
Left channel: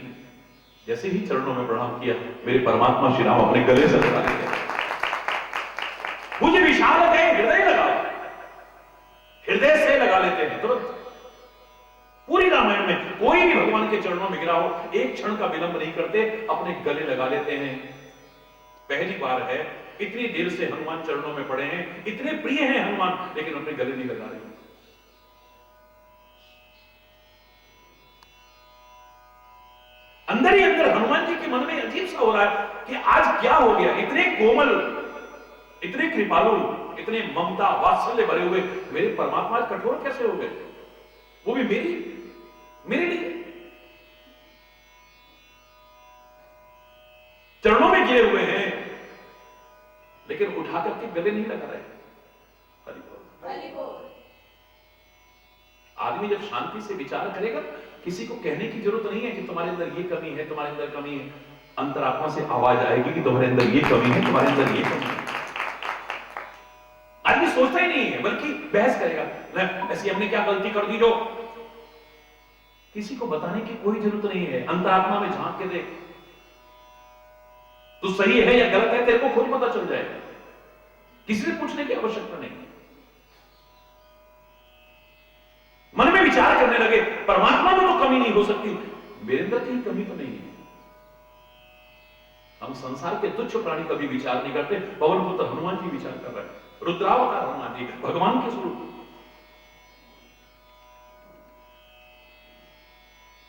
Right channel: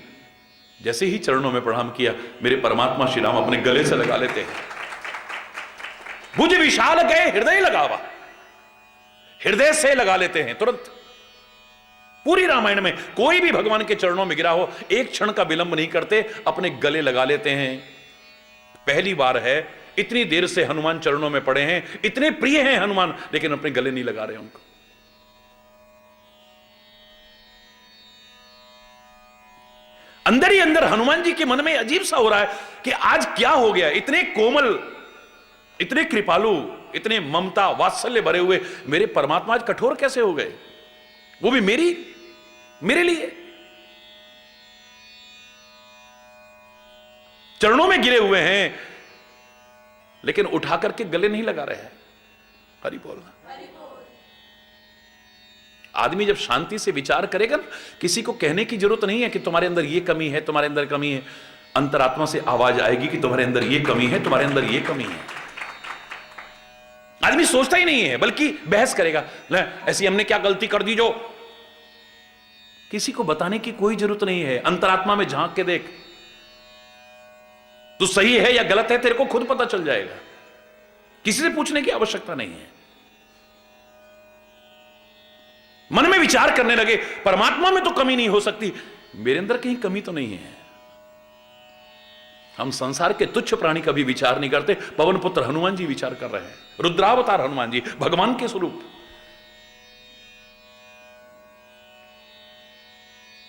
जैसे ही चरणों में प्रणाम किया, मेरे परमात्मा श्री राम अपने गले से लगा लेते हैं। भुज विशाल के हृदय लगावा, हृदय से लगा लेते हैं तुरंत। पूरी रामायण में कोई भी भगवान के चरणों में गिरा हो, एक क्षण का विलंब नहीं करते, अपने गले लगा लेते हैं। पहली बार है, इतनी देर से हनुमान चरणों में पड़े हैं, इतने प्रिय हैं हनुमान, लेकिन अपने गले नहीं लगा रहे उनको। अंदर ही अंदर हनुमान जी के मन में अजीब सा हो रहा है कि आज क्या हो गया। इतने कोमल, इतने कृपालु, इतने ममता वात्सल्य भरे हुए मेरे परमात्मा आज कठोर कैसे हो गए, वो भी मेरे लिए। चरणों में गिरे हुए हैं, लेकिन उठा करके गले नहीं लगा रहे हैं। हरि बोल। आदमी जब शांति से विचार करेगा, किसी को कहने की जरूरत नहीं है कि तुम्हारे अंदर ये कमी है, तुम्हारे अंदर कमी है। अंतरात्मा से आवाज आएगी कि तुम्हारे अंदर ये कमी है, तुम्हारे अंदर ये कमी है। आदमी सोचता ही नहीं है, बल्कि बहस करेगा, ऐसी हमने क्या गलती कर दी जो। किसी को बताने की कोई जरूरत नहीं है। अंतरात्मा में झांक के देख, तू सही है या गलत है, तेरे को खुद पता चल जाएगा। किसी से पूछने की आवश्यकता नहीं है। मन में विचार करने लगे, परमात्मा में तो कमी नहीं हो सकती, मेरे अंदर कहीं कमी तो नहीं है। हम संसार के तुच्छ प्राणी का भी विचार नहीं करते। पवन पुत्र हनुमान जी विचार कर रहे हैं, रुद्रावतार हनुमान जी, भगवान के स्वरूप।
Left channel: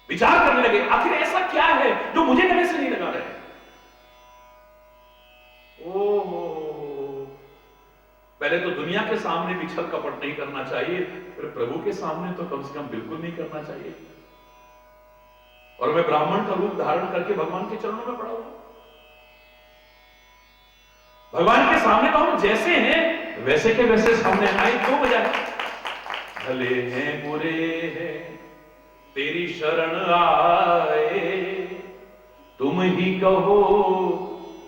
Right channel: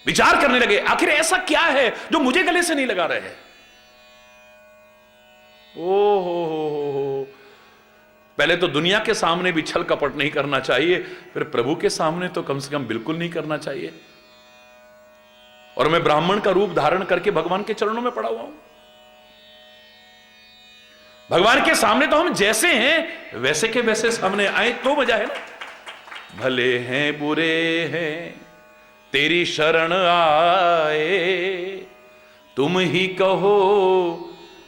विचार करने लगे, आखिर ऐसा क्या है जो मुझे गले से नहीं लगा रहे हैं। ओ, पहले तो दुनिया के सामने भी छल कपट नहीं करना चाहिए, फिर प्रभु के सामने तो कम से कम बिल्कुल नहीं करना चाहिए। और मैं ब्राह्मण का रूप धारण करके भगवान के चरणों में पड़ा हुआ हूं। भगवान के सामने तो हम जैसे हैं वैसे के वैसे सामने आए तो मजा है। भले हैं बुरे हैं तेरी शरण आए, तुम ही कहो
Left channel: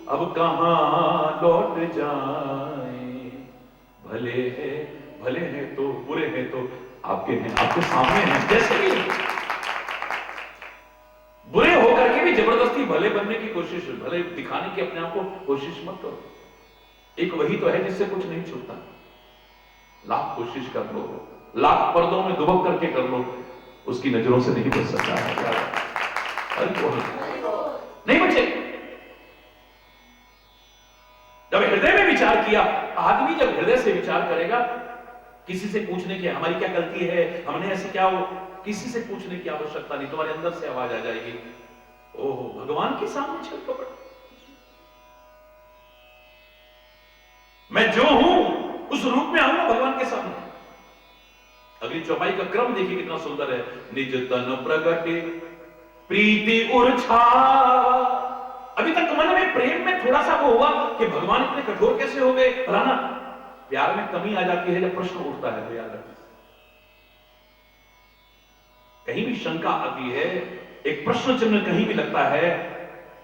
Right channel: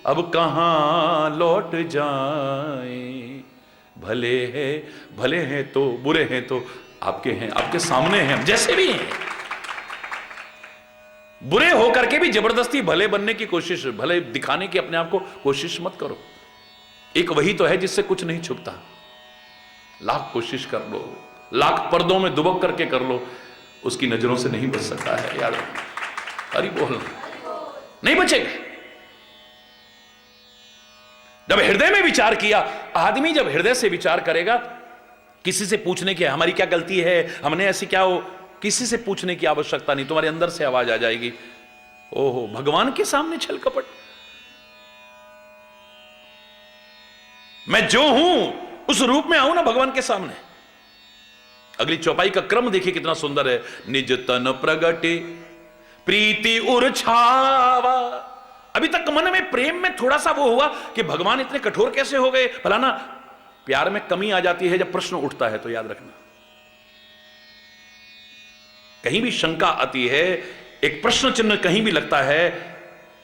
अब कहां लौट जाए। भले हैं तो बुरे हैं तो आपके हैं, आपके सामने हैं जैसे भी हैं। बुरे होकर के भी जबरदस्ती भले बनने की कोशिश, भले दिखाने की अपने आप को कोशिश मत करो। एक वही तो है जिससे कुछ नहीं छुपता। लाख कोशिश कर लो, लाख पर्दों में दुबक करके कर लो, उसकी नजरों से नहीं बच सकता है यार। अरे बोल नहीं बचेगा। जब हृदय में विचार किया, आदमी जब हृदय से विचार करेगा, किसी से पूछने की हमारी क्या गलती है, हमने ऐसी क्या हो, किसी से पूछने की आवश्यकता नहीं, तुम्हारे अंदर से आवाज आ जाएगी। ओहो, भगवान के सामने छल कपट। मैं जो हूं उस रूप में आऊं ना भगवान के सामने। अगली चौपाई का क्रम देखिए कितना सुंदर है। निज तन प्रगटे प्रीति उर छावा। अभी तक मन में प्रेम में थोड़ा सा वो हुआ कि भगवान इतने कठोर कैसे हो गए, फलाना। प्यार में कमी आ जाती है जब प्रश्न उठता है, तो याद रखना। कहीं भी शंका आती है, एक प्रश्न चिन्ह कहीं भी लगता है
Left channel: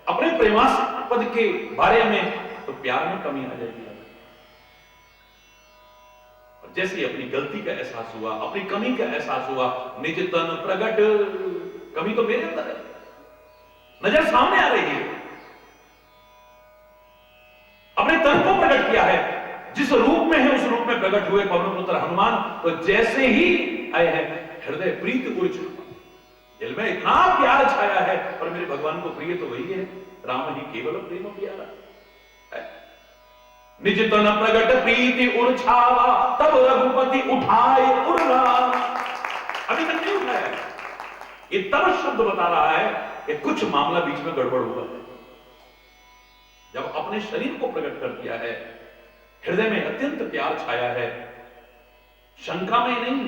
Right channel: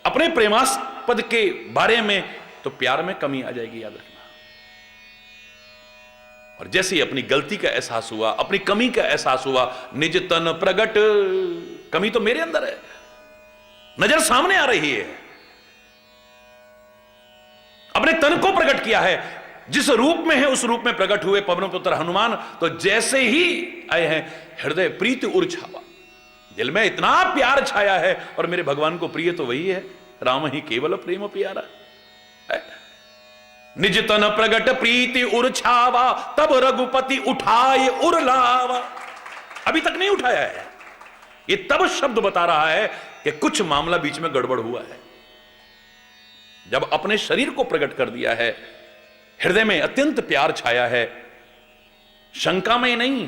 अपने प्रेमास्पद के बारे में, तो प्यार में कमी आ जाएगी, याद रखना। और जैसे ही अपनी गलती का एहसास हुआ, अपनी कमी का एहसास हुआ, निज तन प्रगट, कमी तो मेरे अंदर है, नजर सामने आ रही है। अपने तन को प्रकट किया है, जिस रूप में है उस रूप में प्रकट हुए पवन पुत्र हनुमान। तो जैसे ही आए हैं, हृदय प्रीति उर छावा, दिल में इतना प्यार छाया है। और मेरे भगवान को प्रिय तो वही है, राम ही केवल प्रेम प्यारा। निज तन प्रगट प्रीति उर छावा, तब रघुपति उठाए उर लावा। अभी तक नहीं उठाया है, ये तब शब्द बता रहा है कि कुछ मामला बीच में गड़बड़ हुआ है। जब अपने शरीर को प्रकट कर दिया है, हृदय में अत्यंत प्यार छाया है, शंका में नहीं,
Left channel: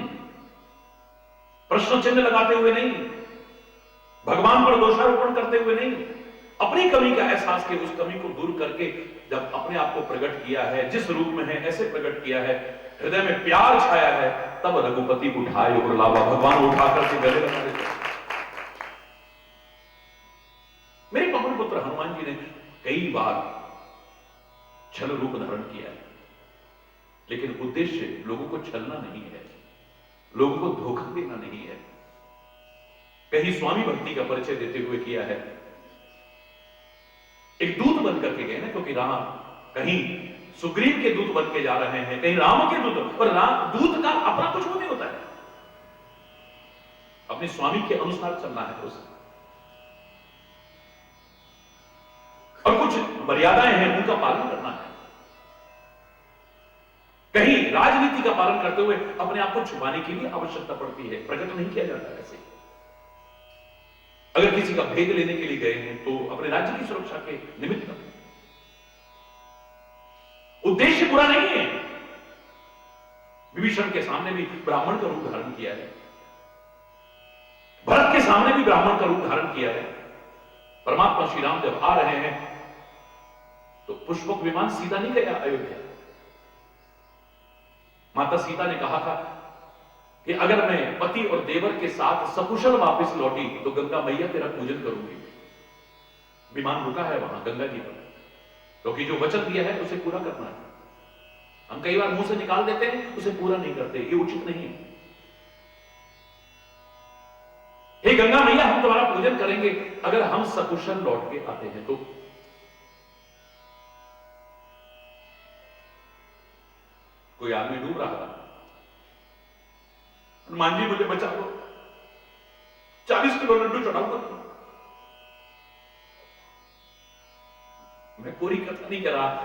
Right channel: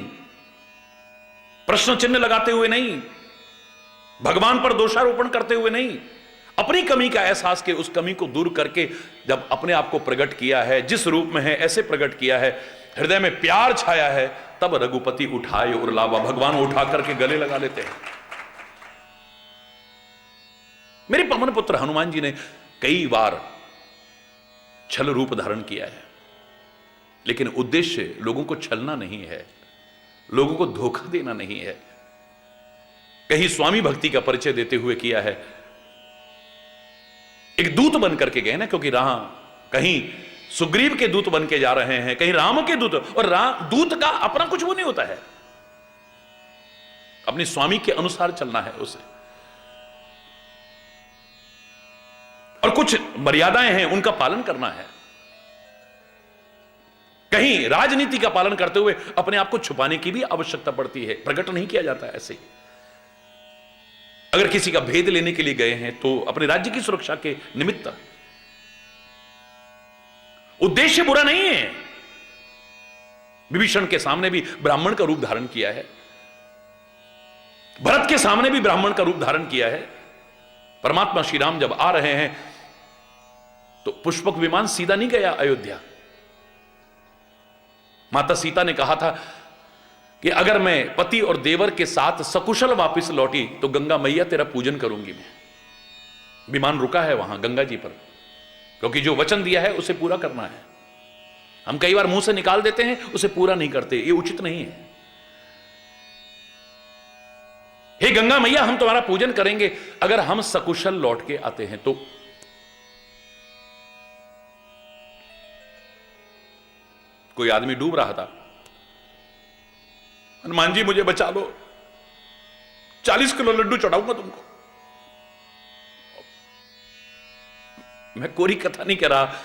प्रश्न चिन्ह लगाते हुए नहीं, भगवान पर दोषारोपण करते हुए नहीं, अपनी कमी का एहसास के उस कमी को दूर करके जब अपने आप को प्रकट किया है, जिस रूप में है ऐसे प्रकट किया है, हृदय में प्यार छाया है, तब रघुपति उठाए और लावा। भगवान उठा करके गले लगा लेते हैं। मेरे पवन पुत्र हनुमान जी ने कई बार छल रूप धारण किया है, लेकिन उद्देश्य लोगों को छलना नहीं है, लोगों को धोखा देना नहीं है। कहीं स्वामी भक्ति का परिचय देते हुए किया है, एक दूत बन करके गए ना, क्योंकि राम कहीं सुग्रीव के दूत बन के जा रहे हैं, कहीं राम के दूत, और राम दूत का अपना कुछ वो नहीं होता है, अपने स्वामी के अनुसार चलना है उसे, और कुछ मर्यादाएं हैं उनका पालन करना है। कहीं राजनीति का पालन करते हुए अपने आप को छुपाने की भी आवश्यकता पड़ती है, प्रकट नहीं किया जाता ऐसे ही। अगर किसी का भेद लेने के लिए गए हैं तो अपने राज्य की सुरक्षा के निमित्त, उद्देश्य बुरा नहीं है। विभीषण के सामने भी ब्राह्मण का रूप धारण किया है, भरत के सामने भी ब्राह्मण का रूप धारण किया है। परमात्मा श्री राम जब आ रहे हैं तो पुष्पक विमान सीधा नहीं गया अयोध्या। माता सीता ने कहा था कि अगर मैं पति और देवर के साथ सकुशल वापस लौटी तो गंगा मैया तेरा पूजन करूंगी मैं। विमान रुका है वहां गंगा जी पर, क्योंकि जो वचन दिया है उसे पूरा करना है। हम कई बार मुंह से निकाल देते हैं, उसे पूरा नहीं करते, ये उचित नहीं है। हे गंगा मैया, हम तुम्हारा पूजन करेंगे अगर हम सकुशल लौट के आते हैं तो। कोई आदमी डूब रहा था, हनुमान जी मुझे बचा लो, 40 किलो लड्डू चढ़ाऊंगा तुमको। मैं कोरी कथा नहीं कह रहा,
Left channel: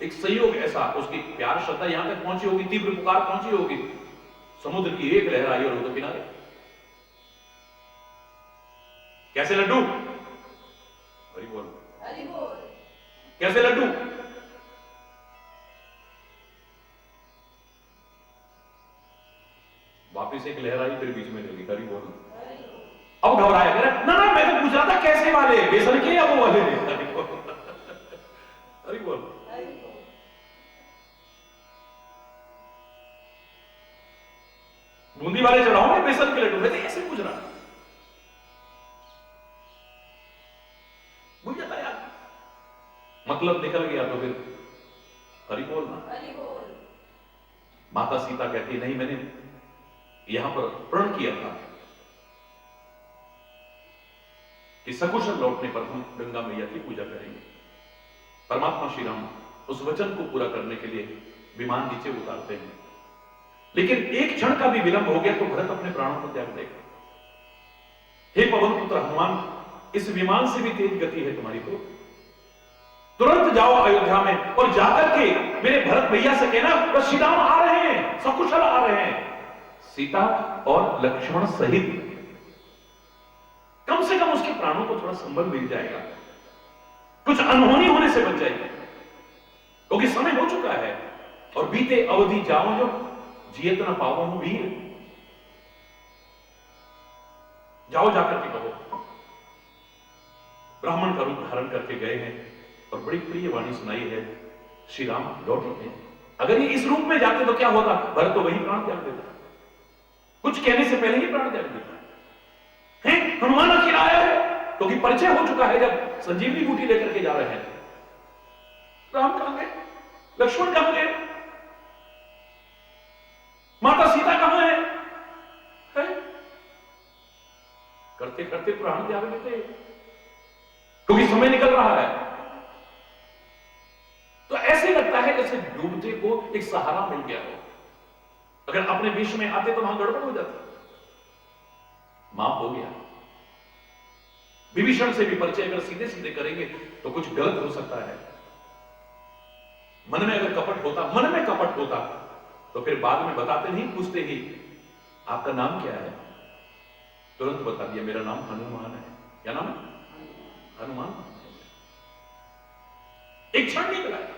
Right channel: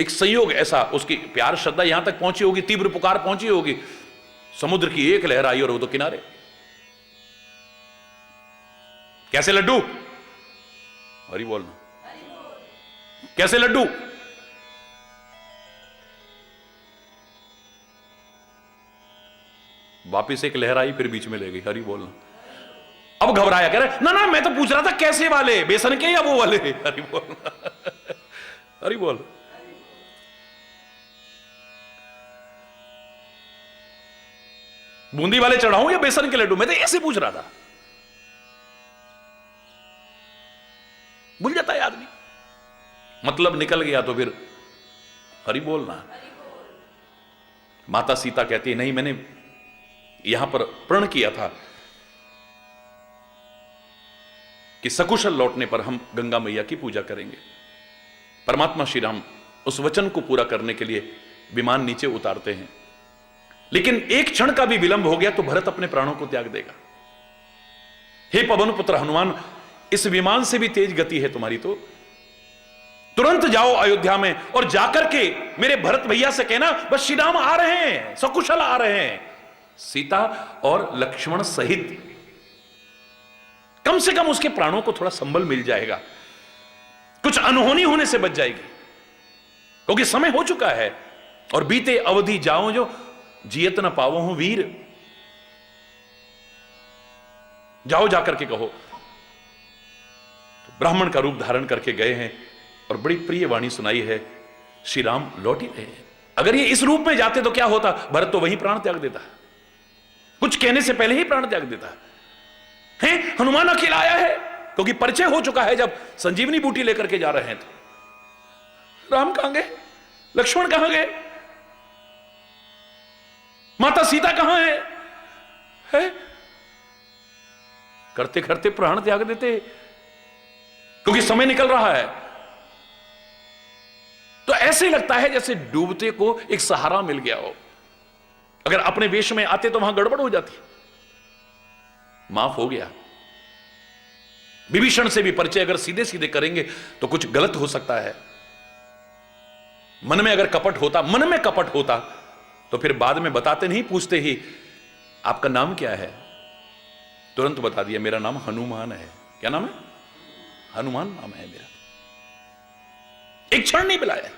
एक संयोग ऐसा, उसकी प्यार श्रद्धा यहां तक पहुंची होगी, तीव्र पुकार पहुंची होगी, समुद्र की एक लहर आई और वो तो किनारे। कैसे लड्डू? हरि बोल। कैसे लड्डू? वापिस एक लहर आई, फिर बीच में ले गई। हरि बोल। अब घबराया, कह रहा ना ना मैं तो पूछ रहा था कैसे वाले, बेसन के या वो वाले। हरि बोल, हरि बोल। बूंदी वाले चढ़ाऊं या बेसन के लड्डू, मैं तो ऐसे पूछ रहा था। भूल जाता है आदमी, मतलब निकल गया तो फिर हरि बोलना। माता सीता कहती है नहीं, मैंने यहां पर प्रण किया था कि सकुशल लौटने पर हम गंगा मैया की पूजा करेंगे। परमात्मा श्री राम उस वचन को पूरा करने के लिए विमान नीचे उतारते हैं, लेकिन एक क्षण का भी विलंब हो गया तो भरत अपने प्राणों को त्याग देगा। हे पवन पुत्र हनुमान, इस विमान से भी तेज गति है तुम्हारी, तो तुरंत जाओ अयोध्या में और जाकर के मेरे भरत भैया से कहना बस श्री राम आ रहे हैं, सकुशल आ रहे हैं, सीता और लक्ष्मण सहित। कम से कम उसके प्राणों को थोड़ा संबल मिल जाएगा, कुछ अनहोनी होने से बच जाएगी, क्योंकि समय हो चुका है। और बीते अवधि जाओ जो जियत न पाओ हूं वीर, जाओ जाकर के कहो। तो ब्राह्मण का रूप धारण करके गए हैं और बड़ी प्रिय वाणी सुनाई है, श्री राम लौट ही रहे हैं। अगर ये इस रूप में जाते तो क्या होता, भरत तो वही प्राण त्याग देता, कुछ कहने से पहले ही प्राण त्याग देता है। हनुमान अकेला आया है क्योंकि परिचय हो चुका है, जब संजीवनी बूटी लेकर के जा रहे हैं तो राम कहां गए, लक्ष्मण कहां गए, माता सीता कहां है? करते करते प्राण त्याग देते क्योंकि समय निकल रहा है। तो ऐसे लगता है जैसे डूबते को एक सहारा मिल गया हो। अगर अपने वेश में आते तो वहां गड़बड़ हो जाती, माफ हो गया। विभीषण से भी परिचय अगर सीधे सीधे करेंगे तो कुछ गलत हो सकता है। मन में अगर कपट होता, मन में कपट होता तो फिर बाद में बताते नहीं, पूछते ही आपका नाम क्या है, तुरंत बता दिया मेरा नाम हनुमान है। क्या नाम है? हनुमान नाम है मेरा। एक क्षण नहीं बुलाया,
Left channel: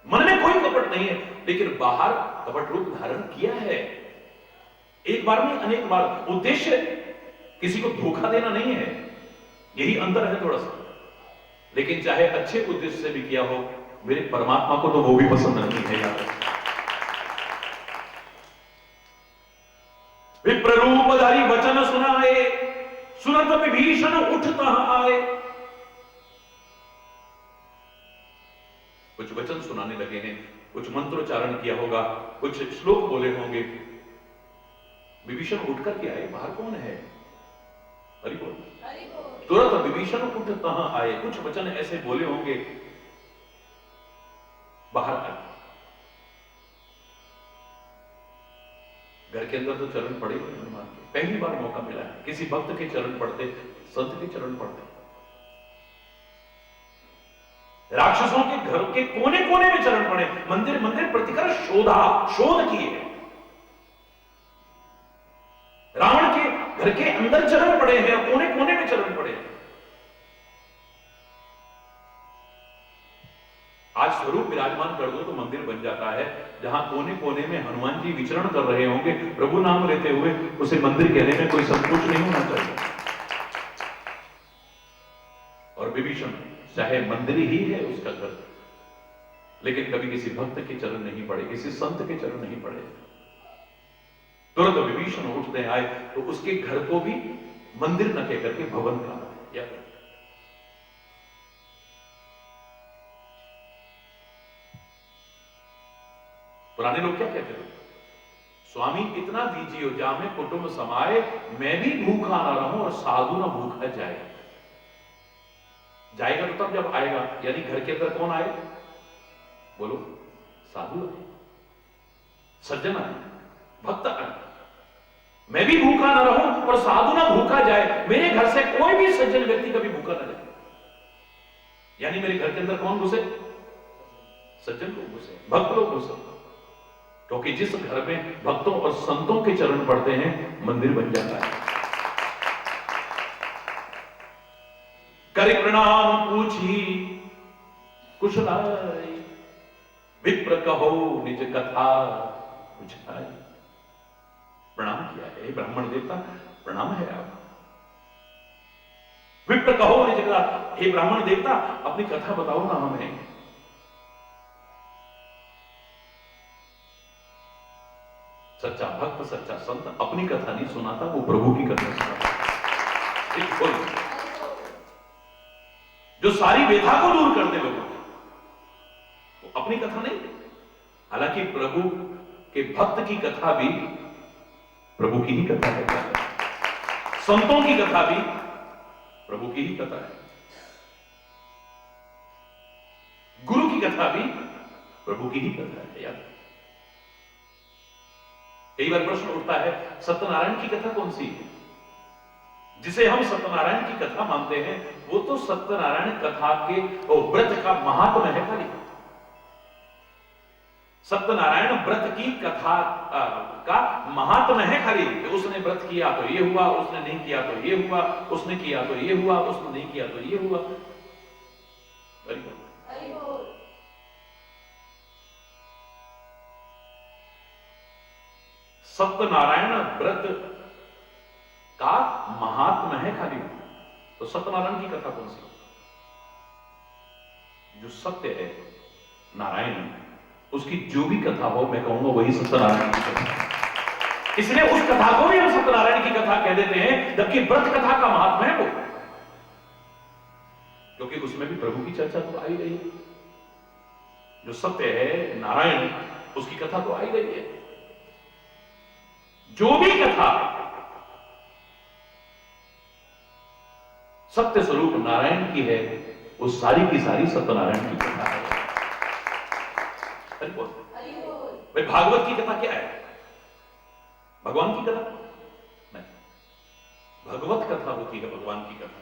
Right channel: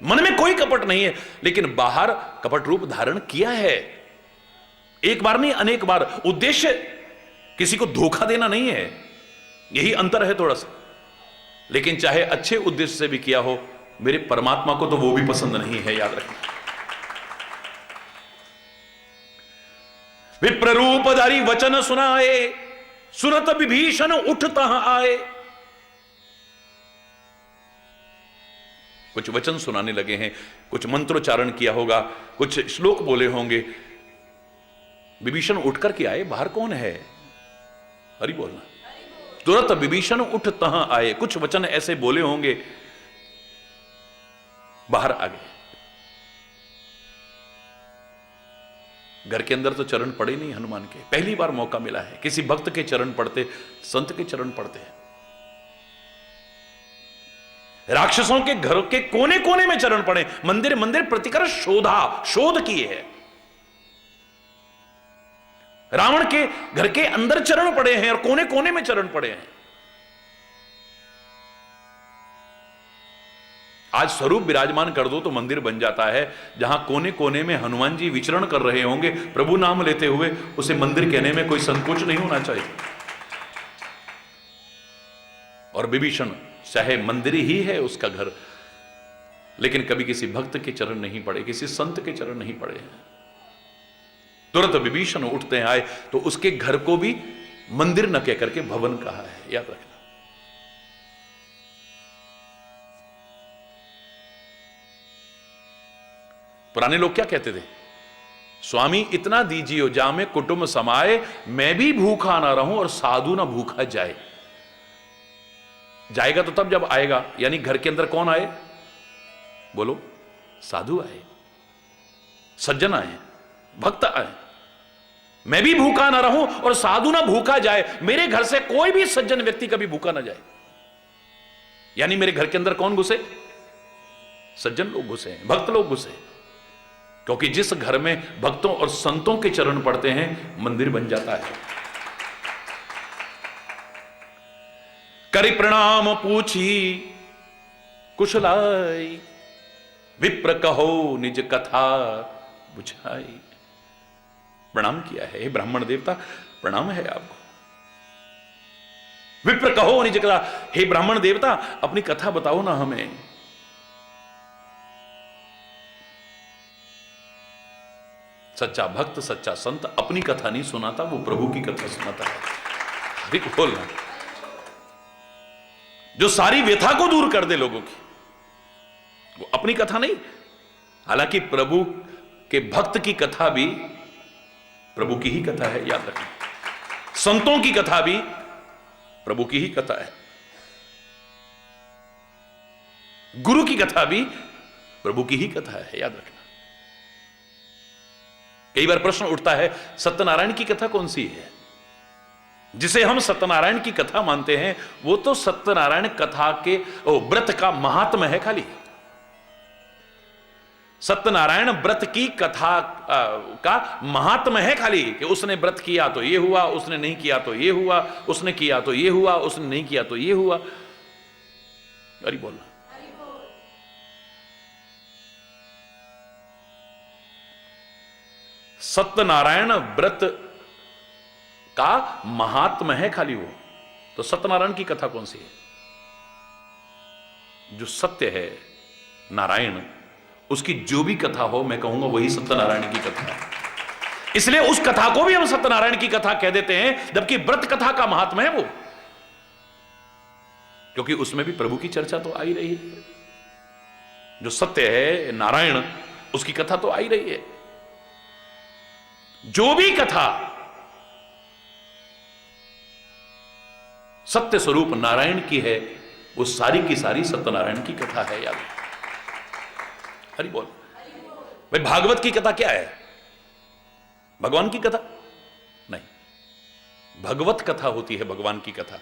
मन में कोई कपट नहीं है, लेकिन बाहर कपट रूप धारण किया है। एक बार नहीं, अनेक बार। उद्देश्य किसी को धोखा देना नहीं है, यही अंतर है थोड़ा सा। लेकिन चाहे अच्छे उद्देश्य से भी किया हो, मेरे परमात्मा को तो वो भी पसंद नहीं है, याद रखें। विप्ररूपधारी वचन सुनाए, सुनत विभीषण उठता आए। कुछ वचन सुनाने लगे हैं, कुछ मंत्रोच्चारण किया होगा, कुछ श्लोक बोले होंगे। विभीषण उठकर के आए, बाहर कौन है? हरि बोलना। तुरंत विभीषण उठता आए, कुछ वचन ऐसे बोले होंगे, बाहर आ गए। घर के अंदर तो चरण पड़े नहीं हनुमान के, पहली बार मौका मिला है। किसी भक्त के चरण पड़ते, संत के चरण पड़ते हैं। राक्षसों के घर के कोने कोने में चरण पड़े, मंदिर मंदिर प्रतिकर शोध किए हैं। रावण के घर के अंदर चरण पड़े हैं और कोने कोने में चरण पड़े हैं। आज स्वरूप विराजमान कर दो तो मंदिर बन जाता है। जहां कोने कोने में हनुमान जी विचरण कर रहे होंगे प्रभु नाम लेते हुए, उसे मंदिर कहने में कोई संकोच नहीं होना चाहिए। और विभीषण चाहे मंदिर ही है उसका घर, लेकिन कभी किसी भक्त के चरण नहीं पड़े, किसी संत के चरण नहीं पड़े। तुरंत विभीषण उठते आए तो उसके घर को भी मंदिर न कहकर के भवन कहा है, याद रखना। पुराने लोग क्या कहते थे? स्वामी इतना दीजिए जामे कुटुंब समाए, मैं भी भूखा ना रहूं और साधु ना भूखा जाए। जाएगा तो तब जब आएगा, यानी घर के अंदर कौन आए? बोलो, साधु आए, सज्जन आए, भक्त आए। मैं भी भूखा ना रहूं और साधु ना भूखा जाए। मेरे घर से कोई भी सज्जन व्यक्ति कभी भूखा ना जाए। यानी मेरे घर के अंदर कौन घुसे? सज्जन लोग घुसे, भक्त लोग घुसे। क्योंकि जिस घर में भक्तों और संतों के चरण पड़ते हैं, मंदिर बन जाता है। करे प्रणाम पूछी कुशलाई, विप्र कहो निज कथा बुझाई। प्रणाम किया है। हे ब्राह्मण देवता, प्रणाम है आपको। विप्र कहो निज कथा, हे ब्राह्मण देवता अपनी कथा बताओ ना हमें। सच्चा भक्त, सच्चा संत अपनी कथा नहीं सुनाता, वो प्रभु की कथा सुनाता है। बिल्कुल, जो सारी व्यथा को दूर कर दे लोगों की, वो अपनी कथा नहीं। हालांकि प्रभु के भक्त की कथा भी प्रभु की ही कथा है, याद रखें। संतों की कथा भी प्रभु की ही कथा है। गुरु की कथा भी प्रभु की ही कथा है, याद रखना। कई बार प्रश्न उठता है, सत्यनारायण की कथा कौन सी है? जिसे हम सत्यनारायण की कथा मानते हैं, वो तो सत्यनारायण कथा के व्रत का महात्म है खाली। सत्यनारायण व्रत की कथा का महात्म है खाली, कि उसने व्रत किया तो ये हुआ, उसने नहीं किया तो ये हुआ, उसने किया तो ये हुआ, उसने नहीं किया तो ये हुआ। अरे बोलना, सत्यनारायण व्रत का महात्म है खाली वो। तो सत्यनारायण की कथा कौन सी है? जो सत्य है नारायण, उसकी जो भी कथा हो, मैं कहूंगा वही सत्यनारायण की कथा है। इसलिए उस कथा को भी हम सत्यनारायण की कथा कह देते हैं, जबकि व्रत कथा का महात्मा है वो, क्योंकि उसमें भी प्रभु की चर्चा तो आ ही रही है। जो सत्य है नारायण, उसकी कथा तो आ ही रही है। जो भी कथा सत्य स्वरूप नारायण की है, वो सारी की सारी सत्यनारायण की कथा है यार। हरि बोल। भाई भागवत की कथा क्या है? भगवान की कथा नहीं, भगवत कथा होती है भगवान की कथा।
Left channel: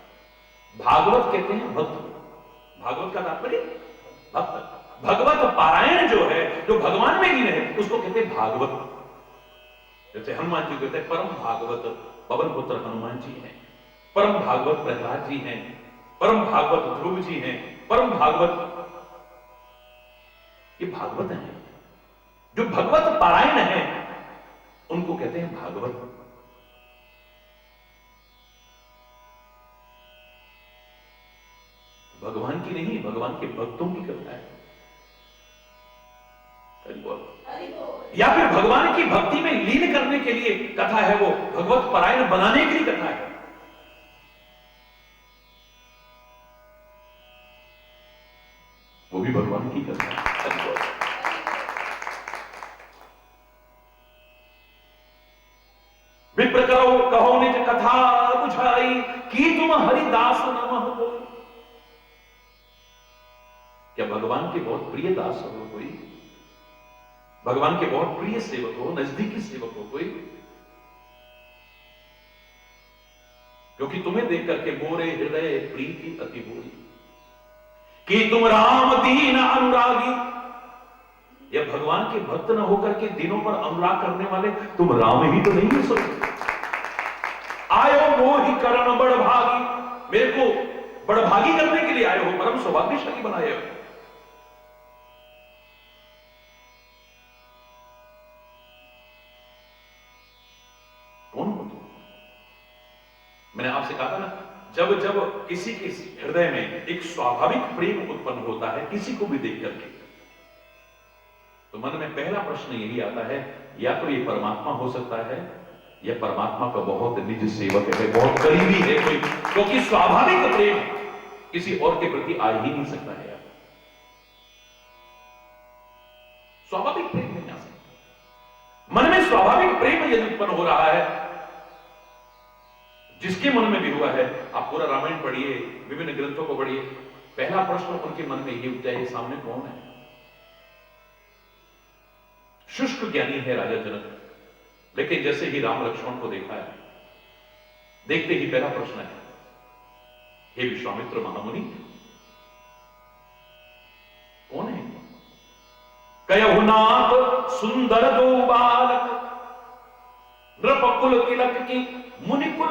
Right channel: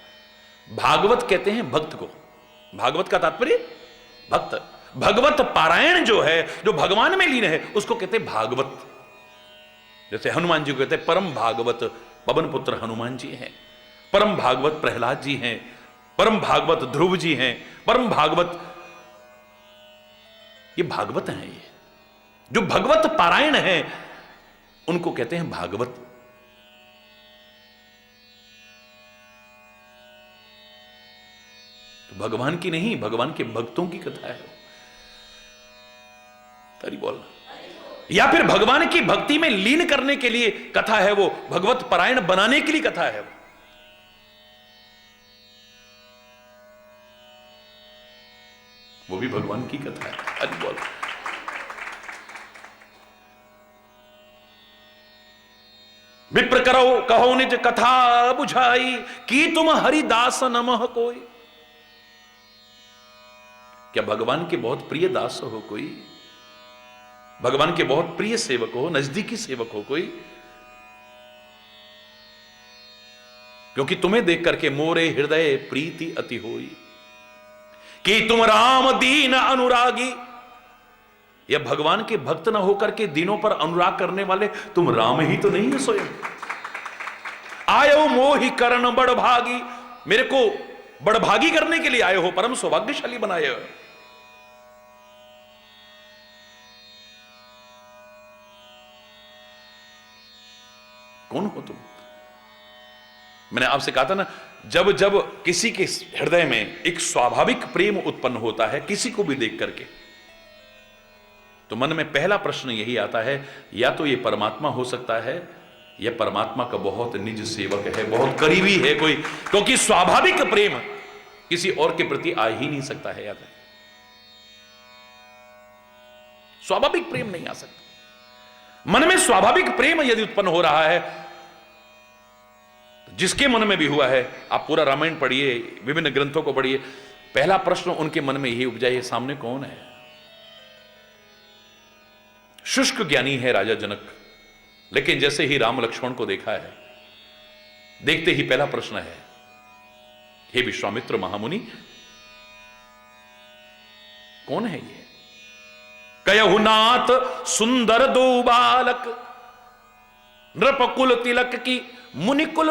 भागवत कहते हैं भक्त को, भागवत का तात्पर्य भक्त। भगवत पारायण जो है, जो भगवान में लीन है, उसको कहते हैं भागवत। जैसे हनुमान जी को कहते हैं परम भागवत पवन पुत्र हनुमान जी हैं, परम भागवत प्रहलाद जी हैं, परम भागवत ध्रुव जी हैं, परम भागवत, ये भागवत हैं। जो भगवत पारायण है उनको कहते हैं भागवत। तो भगवान की नहीं, भगवान के भक्तों की कथा है। हरि बोल। या फिर भगवान की भक्ति में लीन करने के लिए कथा है, वो भगवत पारायण बनाने के लिए कथा है। वो भी भगवान की कथा है। विप्र करो कहो निज कथा बुझाई, कि तुम हरिदास नमः कोई। क्या भगवान के बहुत प्रिय दास हो कोई? भगवान के बहुत प्रिय सेवक हो, नजदीकी सेवक हो कोई? क्योंकि तुम्हें देख करके मोरे हृदय प्रीति अति होई, कि तुम राम दीन अनुरागी। यह भगवान के भक्त न होकर के दीनों पर अनुराग करने वाले तुम राम ही तो नहीं है सोई। आयो मोहि करण बड़भागी, मेरे को बड़भागी करने के लिए आए हो, परम सौभाग्यशाली बनाए हो। कौन हो तुम? मैंने आपसे कहा था ना, जब जब किसी के हृदय में एक स्वाभाविक प्रेम उत्पन्न होता है किसी को भी देख करके, तो मन में पहला प्रश्न यही आता है, या तो ये परमात्मा हो सकता है, या परमात्मा का बहुत निज सेवक है, बहुत करीबी है कोई। क्योंकि स्वाभाविक प्रेम किसी और के प्रति आ ही नहीं सकता है यार। स्वाभाविक प्रेम नहीं आ सकता। मन में स्वाभाविक प्रेम यदि उत्पन्न हो रहा है, जिसके मन में भी हुआ है, आप पूरा रामायण पढ़िए, विभिन्न ग्रंथों को पढ़िए, पहला प्रश्न उनके मन में यही उपजाए, सामने कौन है? शुष्क ज्ञानी है राजा जनक, लेकिन जैसे ही राम लक्ष्मण को देखा है, देखते ही पहला प्रश्न है, हे विश्वामित्र महामुनि, कौन है ये? कयहु नाथ सुंदर दो बालक, नृपकुल तिलक की मुनिकुल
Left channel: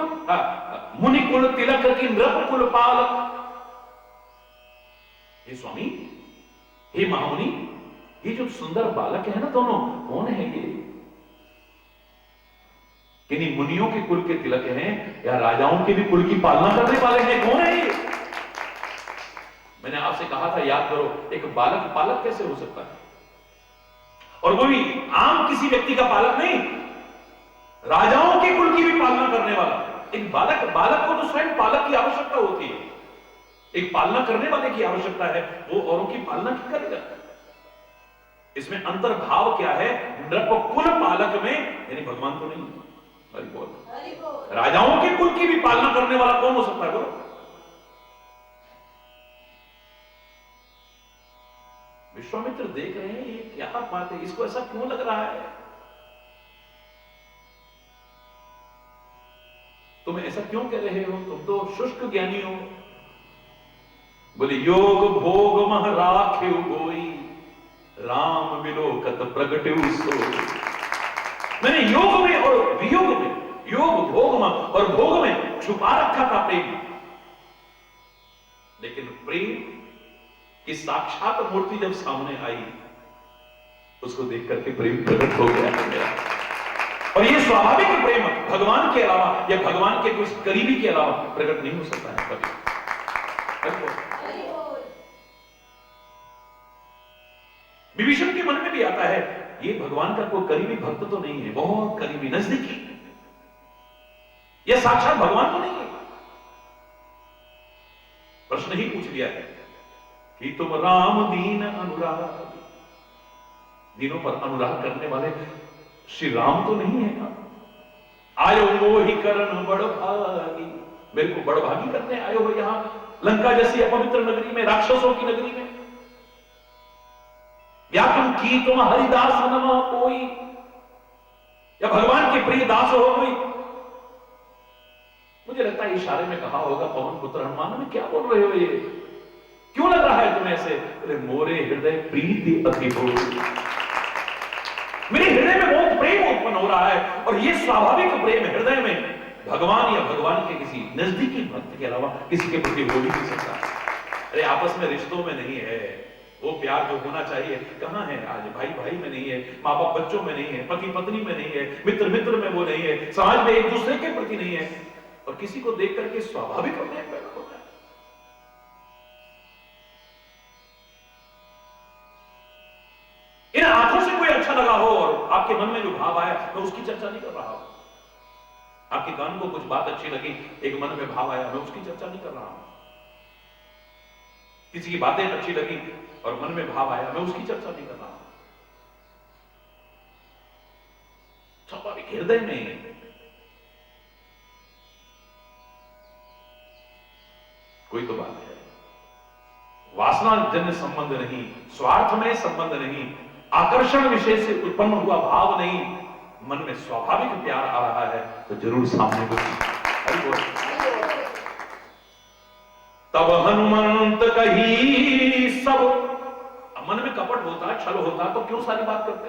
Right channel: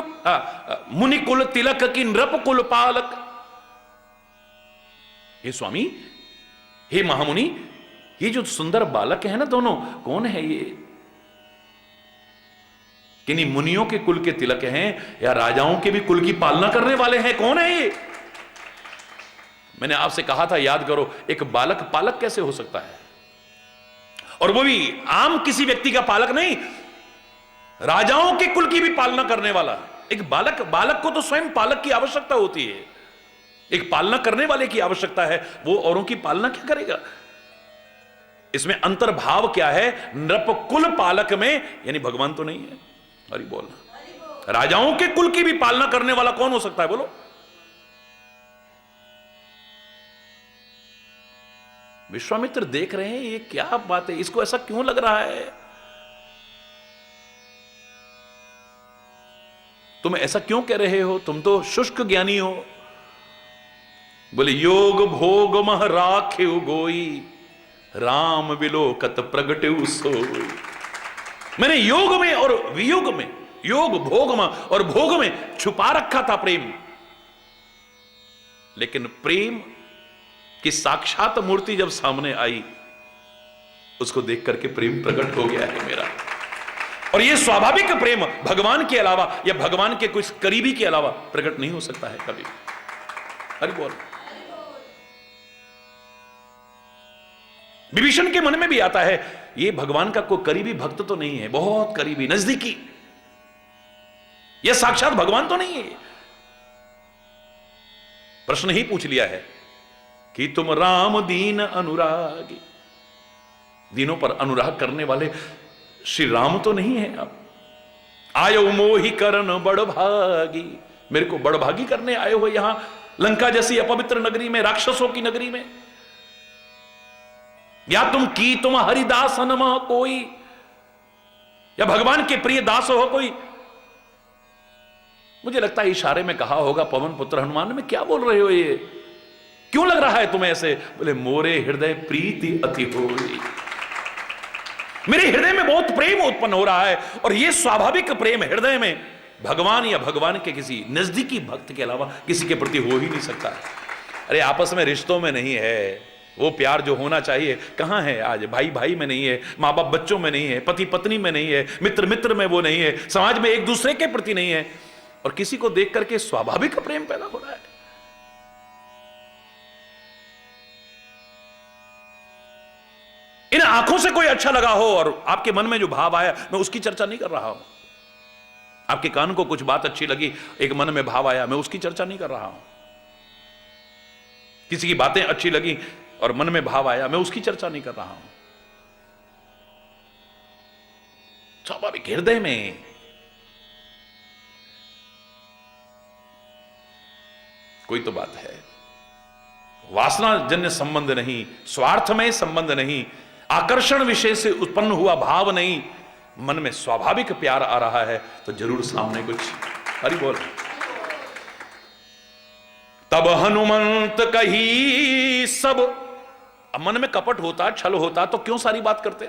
तिलक की नृपकुल पालक। हे स्वामी, हे महामुनि, ये जो सुंदर बालक है ना दोनों, कौन है ये? किन्हीं मुनियों के कुल के तिलक हैं या राजाओं के भी कुल की पालना करने वाले हैं? कौन है ये? मैंने आपसे कहा था, याद करो, एक बालक पालक कैसे हो सकता है? और वो भी आम किसी व्यक्ति का पालक नहीं, राजाओं के कुल की भी पालना करने वाला एक बालक। बालक को तो स्वयं पालक की आवश्यकता होती है, एक पालना करने वाले की आवश्यकता है। वो औरों की पालना क्या करेगा? इसमें अंतर्भाव क्या है? नृपकुल पालक में यानी भगवान तो नहीं है। हरि बोल। राजाओं के कुल की भी पालना करने वाला कौन हो सकता है? बोलो। विश्वामित्र देख रहे हैं ये क्या बात है, इसको ऐसा क्यों लग रहा है? तुम ऐसा क्यों कह रहे हो? तुम तो शुष्क ज्ञानी हो। बोले योग भोग मह राखे गोई, राम विलोकत प्रगटे सो। मैंने योग में और वियोग में, योग भोग में और भोग में छुपा रखा था प्रेम, लेकिन प्रेम की साक्षात मूर्ति जब सामने आई, उसको देख करके प्रेम प्रकट हो गया है मेरा। और यह स्वाभाविक प्रेम भगवान के अलावा या भगवान के कोई करीबी के अलावा प्रकट नहीं हो सकता है कभी। हरि बोल। विभीषण के मन में भी आता है ये भगवान का कोई करीबी भक्त तो नहीं है, बहुत करीबी नजदीकी, यह साक्षात भगवान तो नहीं है। प्रश्न ही पूछ लिया है कि तुम राम दीन अनुरागी, दीनों पर अनुराग करने वाले श्री राम तो नहीं है? आयो मोहि करन बड़भागी, मेरे को बड़भागी करने आए हो यहां लंका जैसी अपवित्र नगरी में, राक्षसों की नगरी में? या तुम हरिदास नमा कोई, या भगवान के प्रिय दास हो कोई? मुझे लगता है इशारे में कहा होगा, पवन पुत्र हनुमान, में क्या बोल रहे हो ये, क्यों लग रहा है तुम्हें ऐसे? बोले मोरे हृदय प्रीति अति होई, मेरे हृदय में बहुत प्रेम उत्पन्न हो रहा है। और यह स्वाभाविक प्रेम हृदय में भगवान या भगवान के किसी नजदीकी भक्त के अलावा किसी के प्रति हो ही नहीं सकता। अरे आपस में रिश्तों में नहीं है वो प्यार जो होना चाहिए, कहां है आज? भाई भाई में नहीं है, माँ बाप बच्चों में नहीं है, पति पत्नी में नहीं है, मित्र मित्र में वो नहीं है, समाज में एक दूसरे के प्रति नहीं है, और किसी को देख करके स्वाभाविक प्रेम पैदा हो रहा है। इन आंखों से कोई अच्छा लगा हो और आपके मन में जो भाव आया, मैं उसकी चर्चा नहीं कर रहा हूं। आपके कान को कुछ बात अच्छी लगी, एक मन में भाव आया, मैं उसकी चर्चा नहीं कर रहा हूं। किसी की बातें अच्छी लगी और मन में भाव आया, मैं उसकी चर्चा नहीं कर रहा हूं। स्वाभाविक हृदय में कोई तो बात है, वासना जन्य संबंध नहीं, स्वार्थ में संबंध नहीं, आकर्षण विषय से उत्पन्न हुआ भाव नहीं, मन में स्वाभाविक प्यार आ रहा है तो जरूर सामने कुछ। हरि बोल। तब हनुमंत कही सब, अब मन में कपट होता, छल होता तो क्यों सारी बात करते?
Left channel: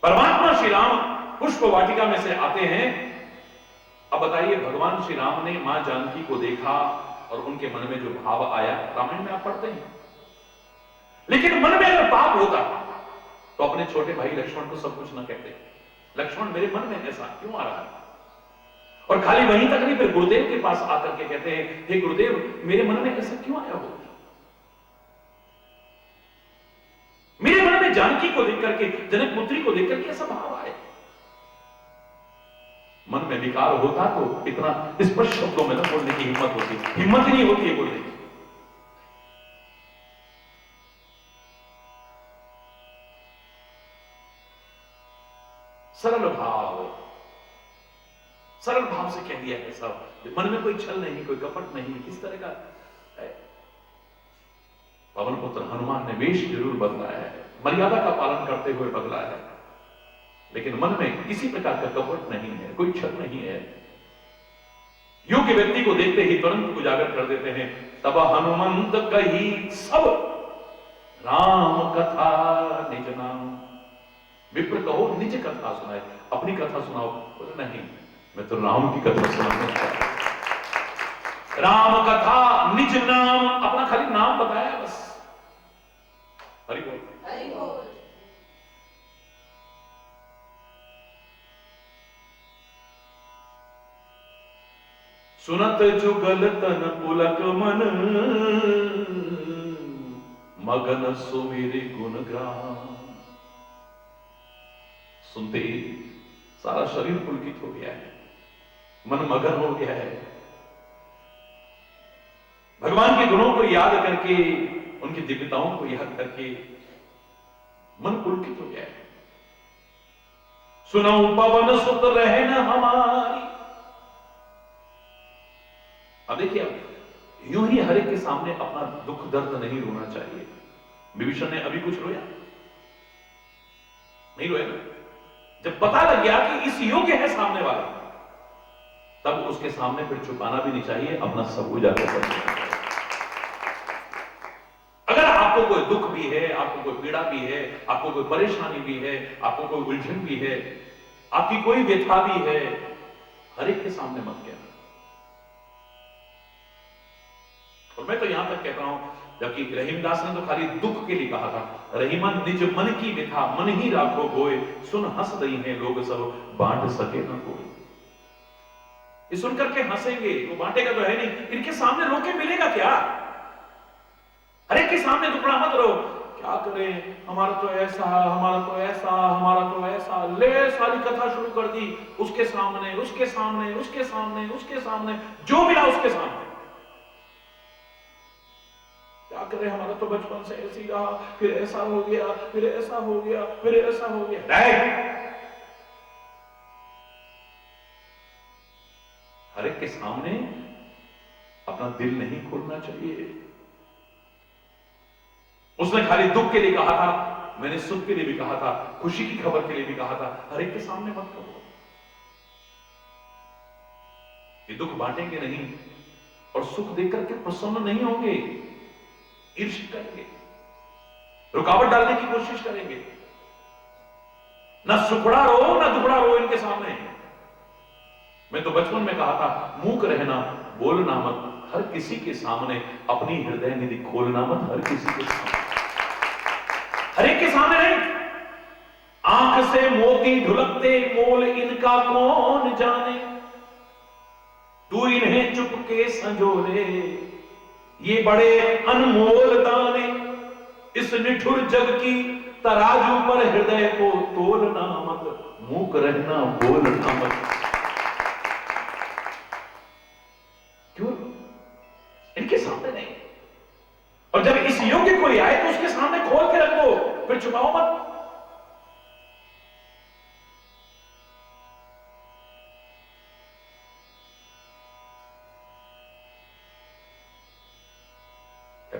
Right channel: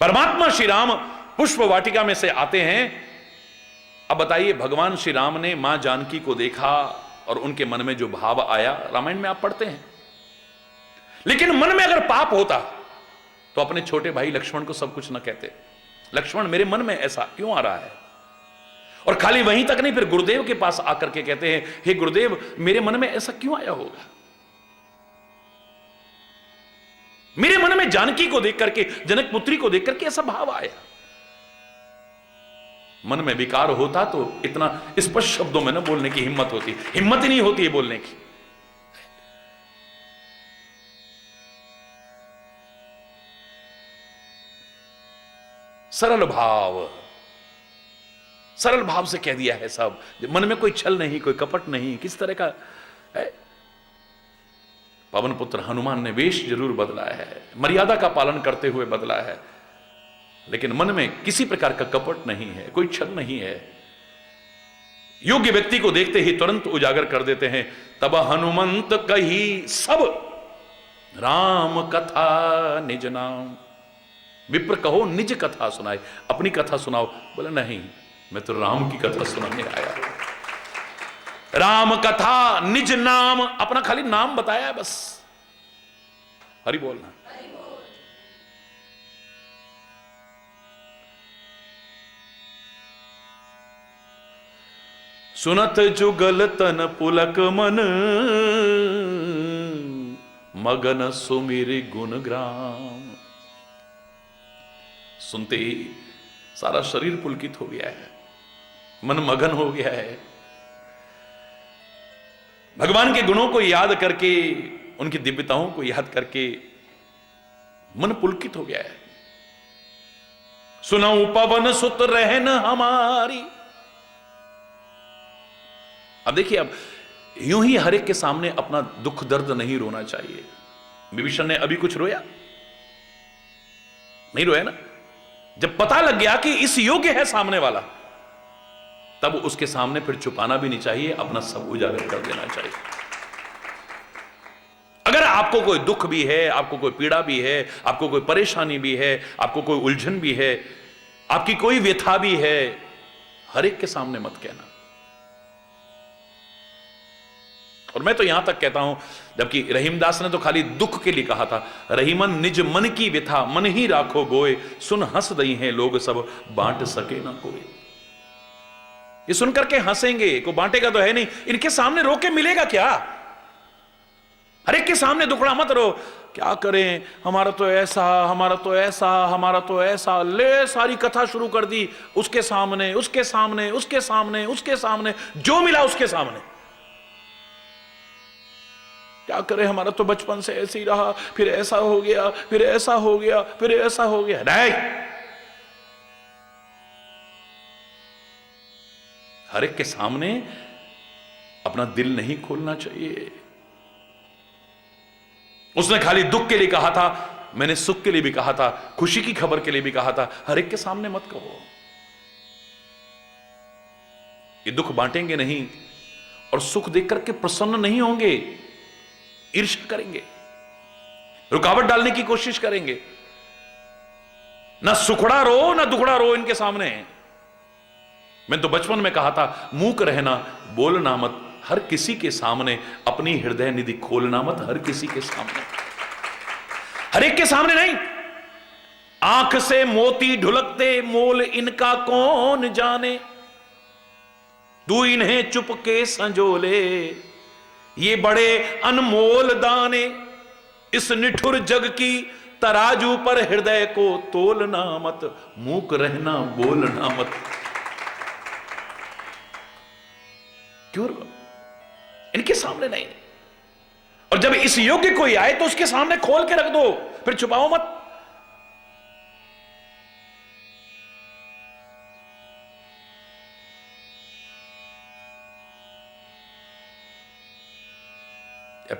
परमात्मा श्री राम पुष्प वाटिका में से आते हैं। अब बताइए, भगवान श्री राम ने मां जानकी को देखा और उनके मन में जो भाव आया, रामायण में आप पढ़ते हैं। लेकिन मन में अगर पाप होता तो अपने छोटे भाई लक्ष्मण को सब कुछ न कहते, लक्ष्मण मेरे मन में ऐसा क्यों आ रहा है? और खाली वहीं तक नहीं, फिर गुरुदेव के पास आकर के कहते हैं, हे गुरुदेव मेरे मन में ऐसा क्यों आया होगा? मेरे मन में जानकी को देख करके, जनक पुत्री को देख करके ऐसा भाव आया। मन में विकार होता तो इतना स्पष्ट शब्दों में ना बोलने की हिम्मत होती, हिम्मत ही नहीं होती है बोलने की। सरल भाव से कह दिया है सब, मन में कोई छल नहीं, कोई कपट नहीं, किस तरह का है। पवन पुत्र हनुमान ने वेश जरूर बदला है, मर्यादा का पालन करते हुए बदला है, लेकिन मन में किसी प्रकार का कपट नहीं है, कोई छल नहीं है। योग्य व्यक्ति को देखते ही तुरंत उजागर कर देते हैं। तब हनुमंत कही सब राम कथा निज नाम, विप्र कहो निज कथा सुनाए, अपनी कथा सुनाओ। बोले नहीं, मैं तो राम की कथा सुनाने आया। राम कथा निज नाम, अपना खाली नाम बताया बस। हरि बोलना। सुनत जुगल तन पुलक मन, मगन सुमिर गुण ग्राम। सुनते ही सारा शरीर पुलकित हो गया है, मन मगन हो गया है। भगवान के गुणों को याद करके, उनकी दिव्यताओं को याद करके मन पुलकित हो गया है। सुनऊ पवन सुत रहन हमारी। अब देखिए, अब यूं ही हर एक के सामने अपना दुख दर्द नहीं रोना चाहिए। विभीषण ने अभी कुछ रोया नहीं, रोया ना। जब पता लग गया कि इस योग्य है सामने वाला, तब उसके सामने फिर छुपाना भी नहीं चाहिए, अपना सब उजागर कर देना चाहिए। अगर आपको कोई दुख भी है, आपको कोई पीड़ा भी है, आपको कोई परेशानी भी है, आपको कोई उलझन भी है, आपकी कोई व्यथा भी है, हर एक के सामने मत कहना। और मैं तो यहां तक कहता हूं, जबकि रहीमदास ने तो खाली दुख के लिए कहा था, रहीमन निज मन की व्यथा मन ही राखो गोए, सुन हंस दई हैं लोग सब बांट सके ना कोई। ये सुनकर के हंसेंगे, को बांटेगा तो है नहीं, इनके सामने रो के मिलेगा क्या? हर एक के सामने दुखड़ा मत रो। क्या करें, हमारा तो ऐसा, हमारा तो ऐसा, हमारा तो ऐसा, ले सारी कथा शुरू कर दी, उसके सामने, उसके सामने, उसके सामने, उसके सामने, जो मिला उसके सामने। क्या करें, हमारा तो बचपन से ऐसे ही रहा, फिर ऐसा हो गया, फिर ऐसा हो गया, फिर ऐसा हो गया। नहीं, हर एक के सामने अपना दिल नहीं खोलना चाहिए। उसने खाली दुख के लिए कहा था, मैंने सुख के लिए भी कहा था, खुशी की खबर के लिए भी कहा था। हर एक के सामने मत कहो। ये दुख बांटेंगे नहीं और सुख देख करके प्रसन्न नहीं होंगे, ईर्ष्या करेंगे, रुकावट डालने की कोशिश करेंगे। ना सुखड़ा रो ना दुखड़ा रो इनके सामने। मैं तो बचपन में कहा था, मूक रहना, बोलना मत, हर किसी के सामने अपनी हृदय निधि खोलना मत, हर किसी के सामने, हर एक के सामने नहीं। आंख से मोती ढुलकते मोल इनका कौन जाने, तू इन्हें चुपके संजोले, ये बड़े अनमोल दाने, इस निठुर जग की तराजू पर हृदय को तोलना मत, मूक रहना बोलना मत। क्यों? इनके सामने नहीं। और जब इस योग्य कोई आए तो उसके सामने खोल के रख दो, फिर छुपाओ मत।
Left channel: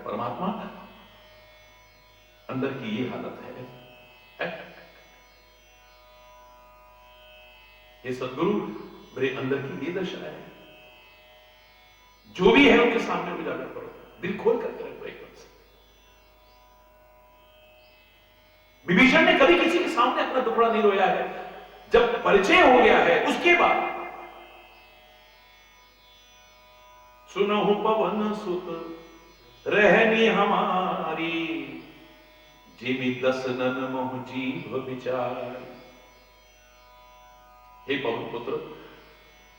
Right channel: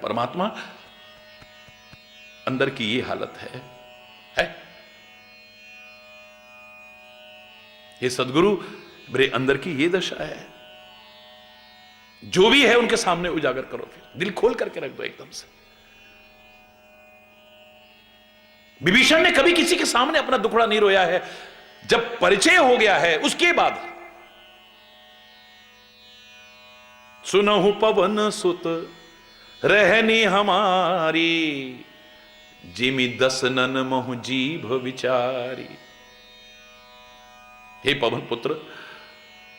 परमात्मा अंदर की ये हालत है? ये सदगुरु मेरे अंदर की ये दशा है। जो भी है उनके सामने उजागर करो, दिल खोल करके रख दो एकदम से। विभीषण ने कभी किसी के सामने अपना दुखड़ा नहीं रोया है। जब परिचय हो गया है उसके बाद, सुनहु पवन सुत रहनी हमारी, जिमि दसनन महु जीभ विचारी। हे पवन पुत्र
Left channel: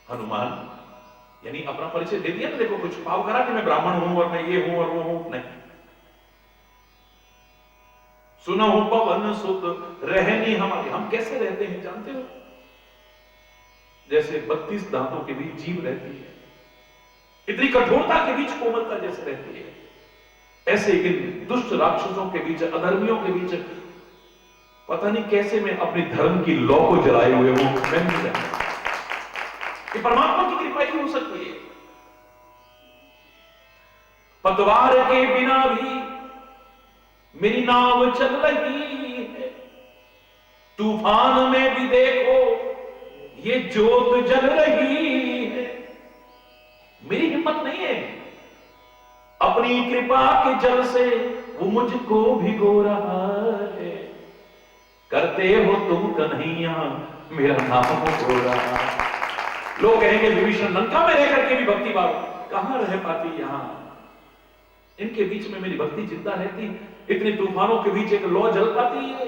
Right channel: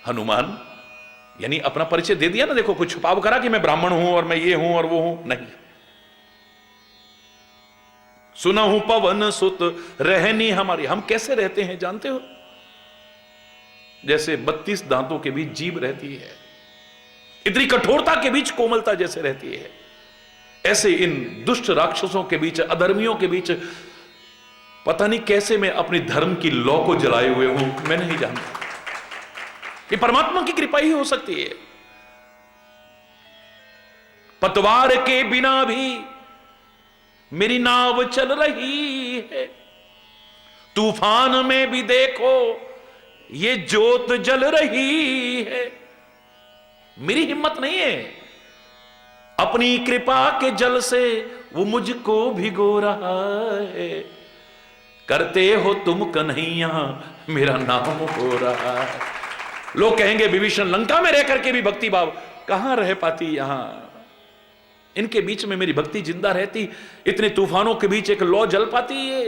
हनुमान, यानी अपना परिचय दे दिया ना। देखो, कुछ छुपाव करा कि मैं ब्राह्मण हूं और मैं ये हूं और वो हूं, नहीं। सुनहु पवन सुत रहनी हमारी। हम कैसे रहते हैं जानते हो? जैसे 32 दांतों के बीच जीभ रहती है, इतनी कठोरता के बीच कोमलता जैसे रहती है, ऐसे इन दुष्ट राक्षसों के बीच, अधर्मियों के बीच पता नहीं कैसे मैं अपने धर्म की लौ को जलाए हुए हूं, मैं नहीं जानता। ये परमात्मा की कृपा ही हो सकती है। पतवार के बिना भी मेरी नाव चल रही है, तूफान में भी देखो ये ज्योत जल रही है। मेरी हिम्मत नहीं है, अपनी कृपा के जल से वो मुझको भिगो रहा है। करते हो तुम कन्हैया, मेरा नाम हो रहा है। लोग कहेंगे विभीषण लंका में रह करके भी भक्ति भाव कहां रह पाती, यहां इनके बीच में मेरी भक्ति जिंदा रहती, इतने तूफानों के बीच एक लौ जल पाती, ये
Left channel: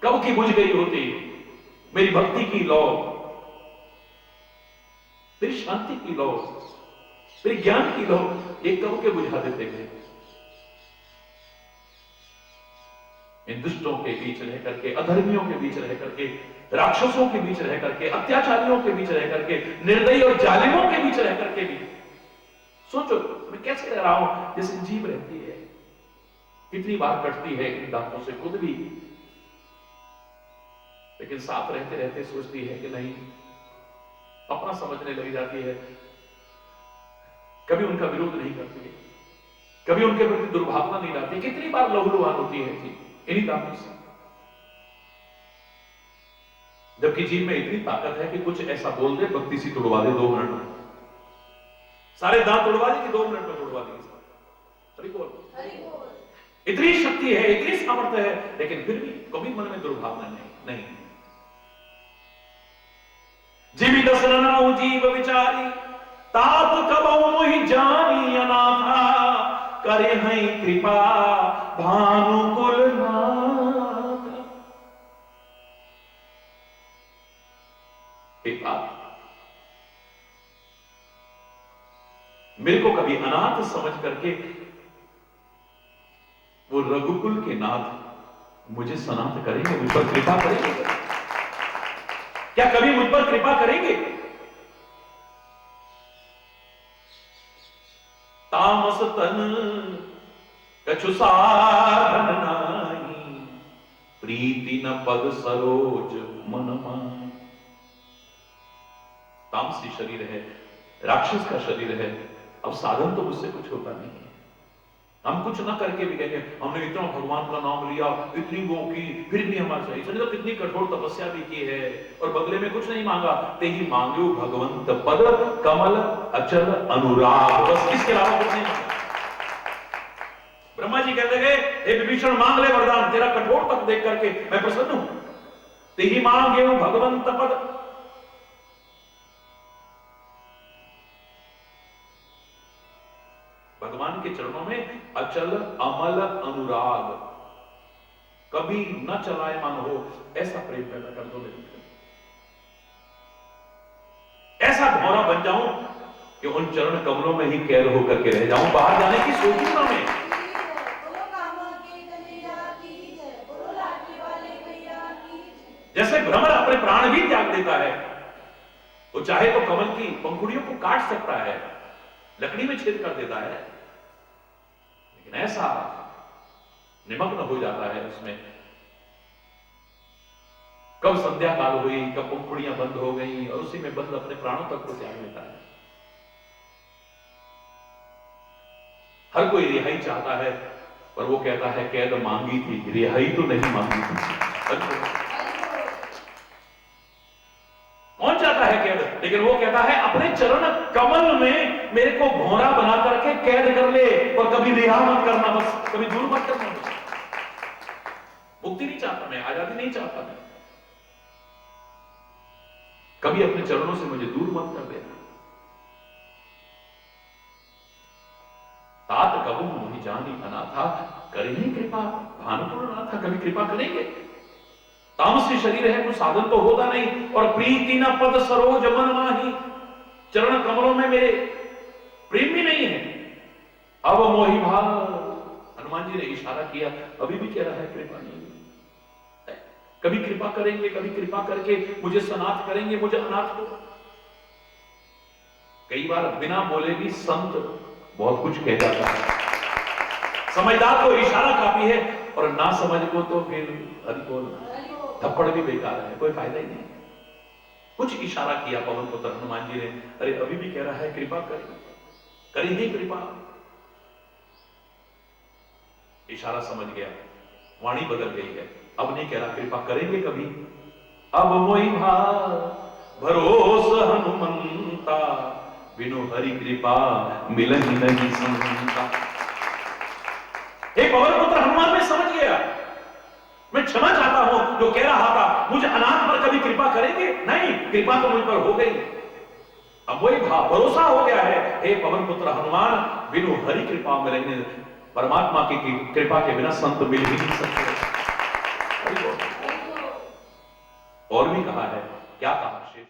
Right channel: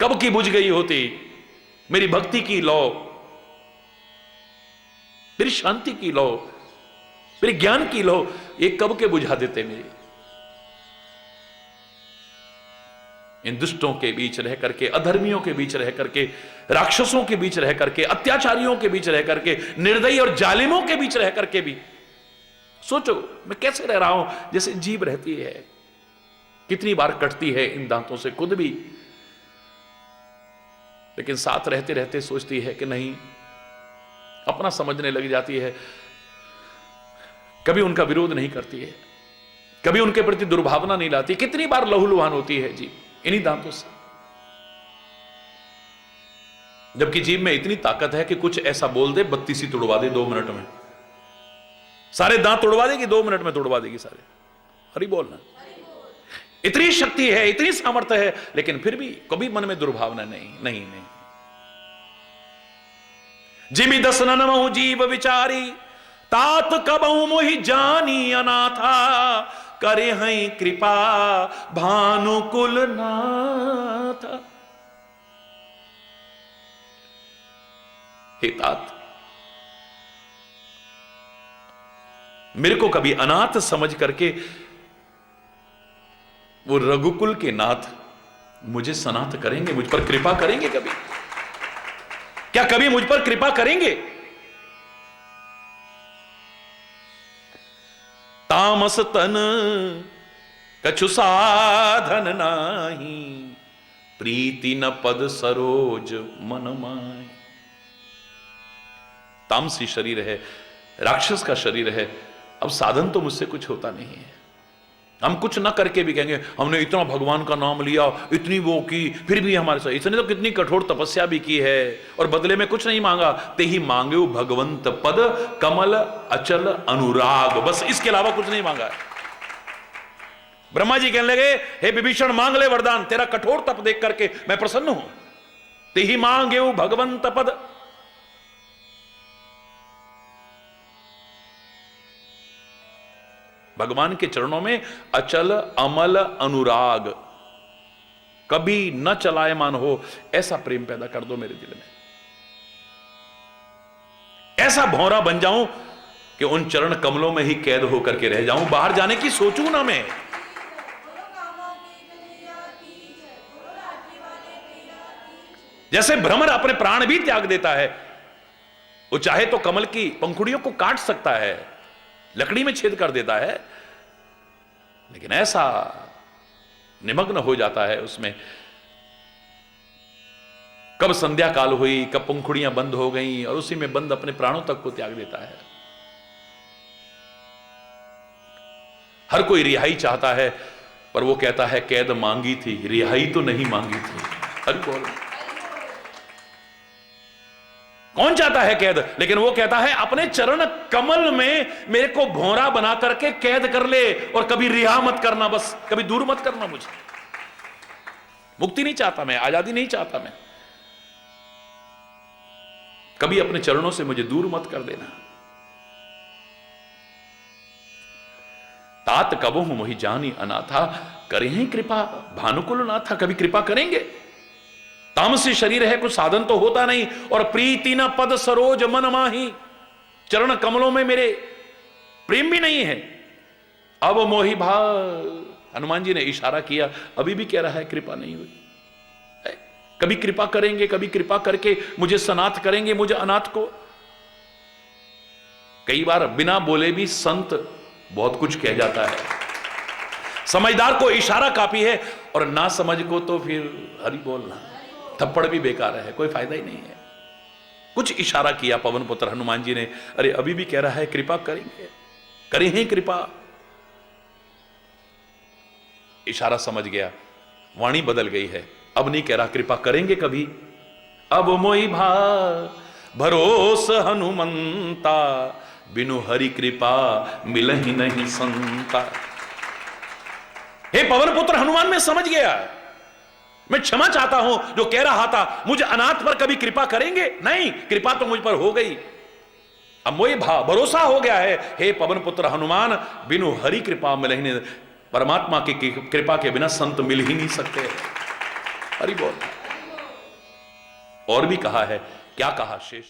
कब की बुझ गई होती। मेरी भक्ति की लौ, मेरी शांति की लौ, मेरे ज्ञान की लौ, ये कब के बुझा देते वे। इन दुष्टों के बीच रह करके, अधर्मियों के बीच रह करके, राक्षसों के बीच रह करके, अत्याचारियों के बीच रह करके, निर्दयी और जालिमों के बीच रह करके भी सोचो मैं कैसे रह रहा हूं, जैसे जीभ रहती है, कितनी बार कटती है इन दांतों से खुद भी, लेकिन साथ रहते रहते सोचती है कि नहीं, अपना समझने लग जाती है, कभी उनका विरोध नहीं करती है, कभी उनके प्रति दुर्भावना नहीं लाती। कितनी बार लहूलुहान होती है जी इन्हीं दांतों से, जबकि जीभ में इतनी ताकत है कि कुछ ऐसा बोल दे, बत्ती सी तुड़वा दे 2 मिनट में, सारे दांत तोड़वा देगी, 2 मिनट में तोड़वा देगी सारे। हरि बोलना, इतनी शक्ति है, इतनी सामर्थ्य है, लेकिन फिर भी कभी मन में दुर्भावना नहीं, नहीं, नहीं। जिमि दस ननाऊ जीव विचारी, तात कबऊ मोहि जानी अनाथा, करे हैं कृपा भानुकुल नाथ। हे तात, मेरे को कभी अनाथ समझ करके वो रघुकुल के नाथ मुझे सनाथ करेंगे, मुझ पर कृपा करेंगे कभी? क्या कभी मुझ पर कृपा करेंगे? तामस तन कछु साधन नाही, प्रीति न पद सरोज मन माई। तामसी शरीर है, राक्षस का शरीर है, अब साधन तो मुझसे कुछ होता नहीं है। हम कुछ ना करके भी कहेंगे हमने इतना भगवान का नाम लिया, इतनी वो की, फिर भी हमारे साथ, इसने तो कितनी कठोर तपस्या भी की है और बदले में कुछ नहीं मांगा। ते ही मांगे भगवंत पद कमल अचल अनुराग, बस इसके अलावा कुछ नहीं मांगा। ब्रह्मा जी कहने लगे हे विभीषण मांग ले वरदान, तेरा कठोर तप देख करके मैं प्रसन्न हूं। ते ही मांगे भगवंत पद, भगवान के चरणों में अचल अमल अनुराग, कभी न चलायमान हो ऐसा प्रेम पैदा कर दो मेरे दिल में, ऐसा भौरा बन जाऊं कि उन चरण कमलों में ही कैद होकर के रह जाऊं, बाहर जाने की सोचूं ना मैं। जैसे भ्रमर अपने प्राण भी त्याग देता है, वो चाहे तो कमल की पंखुड़ियों को काट सकता है, लकड़ी में छेद कर देता है, लेकिन ऐसा निमग्न हो जाता है उसमें, कब संध्या काल हुई, कब पंखुड़ियां बंद हो गई और उसी में बंद अपने प्राणों तक को त्याग देता है। हर कोई रिहाई चाहता है, पर वो कहता है कैद मांगी थी, रिहाई तो नहीं मांगी थी। हर कौन चाहता है कैद, लेकिन वो कहता है अपने चरण कमल में मेरे को भौरा बना करके कैद कर ले और कभी रिहा मत करना, बस कभी दूर मत करना मुझे। मुक्ति नहीं चाहता मैं, आजादी नहीं चाहता मैं, कभी अपने चरणों से मुझे दूर मत कर देना। तात कबहु मोहि जानी अनाथा, करें कृपा भानुकुल नाथा, कभी कृपा करेंगे? तामसी शरीर है, कुछ साधन तो होता नहीं, और प्रीति न पद सरोज मन माही, चरण कमलों में मेरे प्रेम भी नहीं है। अब मोहि भाव, हनुमान जी ने इशारा किया, अभी भी कह रहा है कृपा नहीं हुई। कभी कृपा करेंगे, कभी कृपा करके मुझे सनाथ करेंगे, मुझे अनाथ को। कई बार बिना बोले भी संत बहुत कुछ कह जाता है, समझदार को इशारा काफी है, और ना समझ को तो फिर हरि बोलना, थप्पड़ भी बेकार है, कोई फायदा ही नहीं है। कुछ इशारा किया पवन पुत्र हनुमान जी ने, अरे अभी भी कह रहा है कृपा करेंगे, करें ही कृपा। इशारा समझ गया, वाणी बदल गई है, अब नहीं कह रहा कृपा करेंगे कभी। अब मोहि भाव भरोस हनुमंता, बिनु हरि कृपा मिलहि नहीं संता। हे पवन पुत्र हनुमान, मैं समझ गया, मैं क्षमा चाहता हूं जो कह रहा था मुझे अनाथ पर कभी कृपा करेंगे, नहीं, कृपा तो मुझ पर हो गई। अब वही भरोसा हो गया है, हे पवन पुत्र हनुमान, बिनु हरि कृपा मिलहि नहीं, परमात्मा की कृपा के बिना संत मिल ही नहीं सकते। हरि बोल। और भी कहा है, क्या कहा शेष।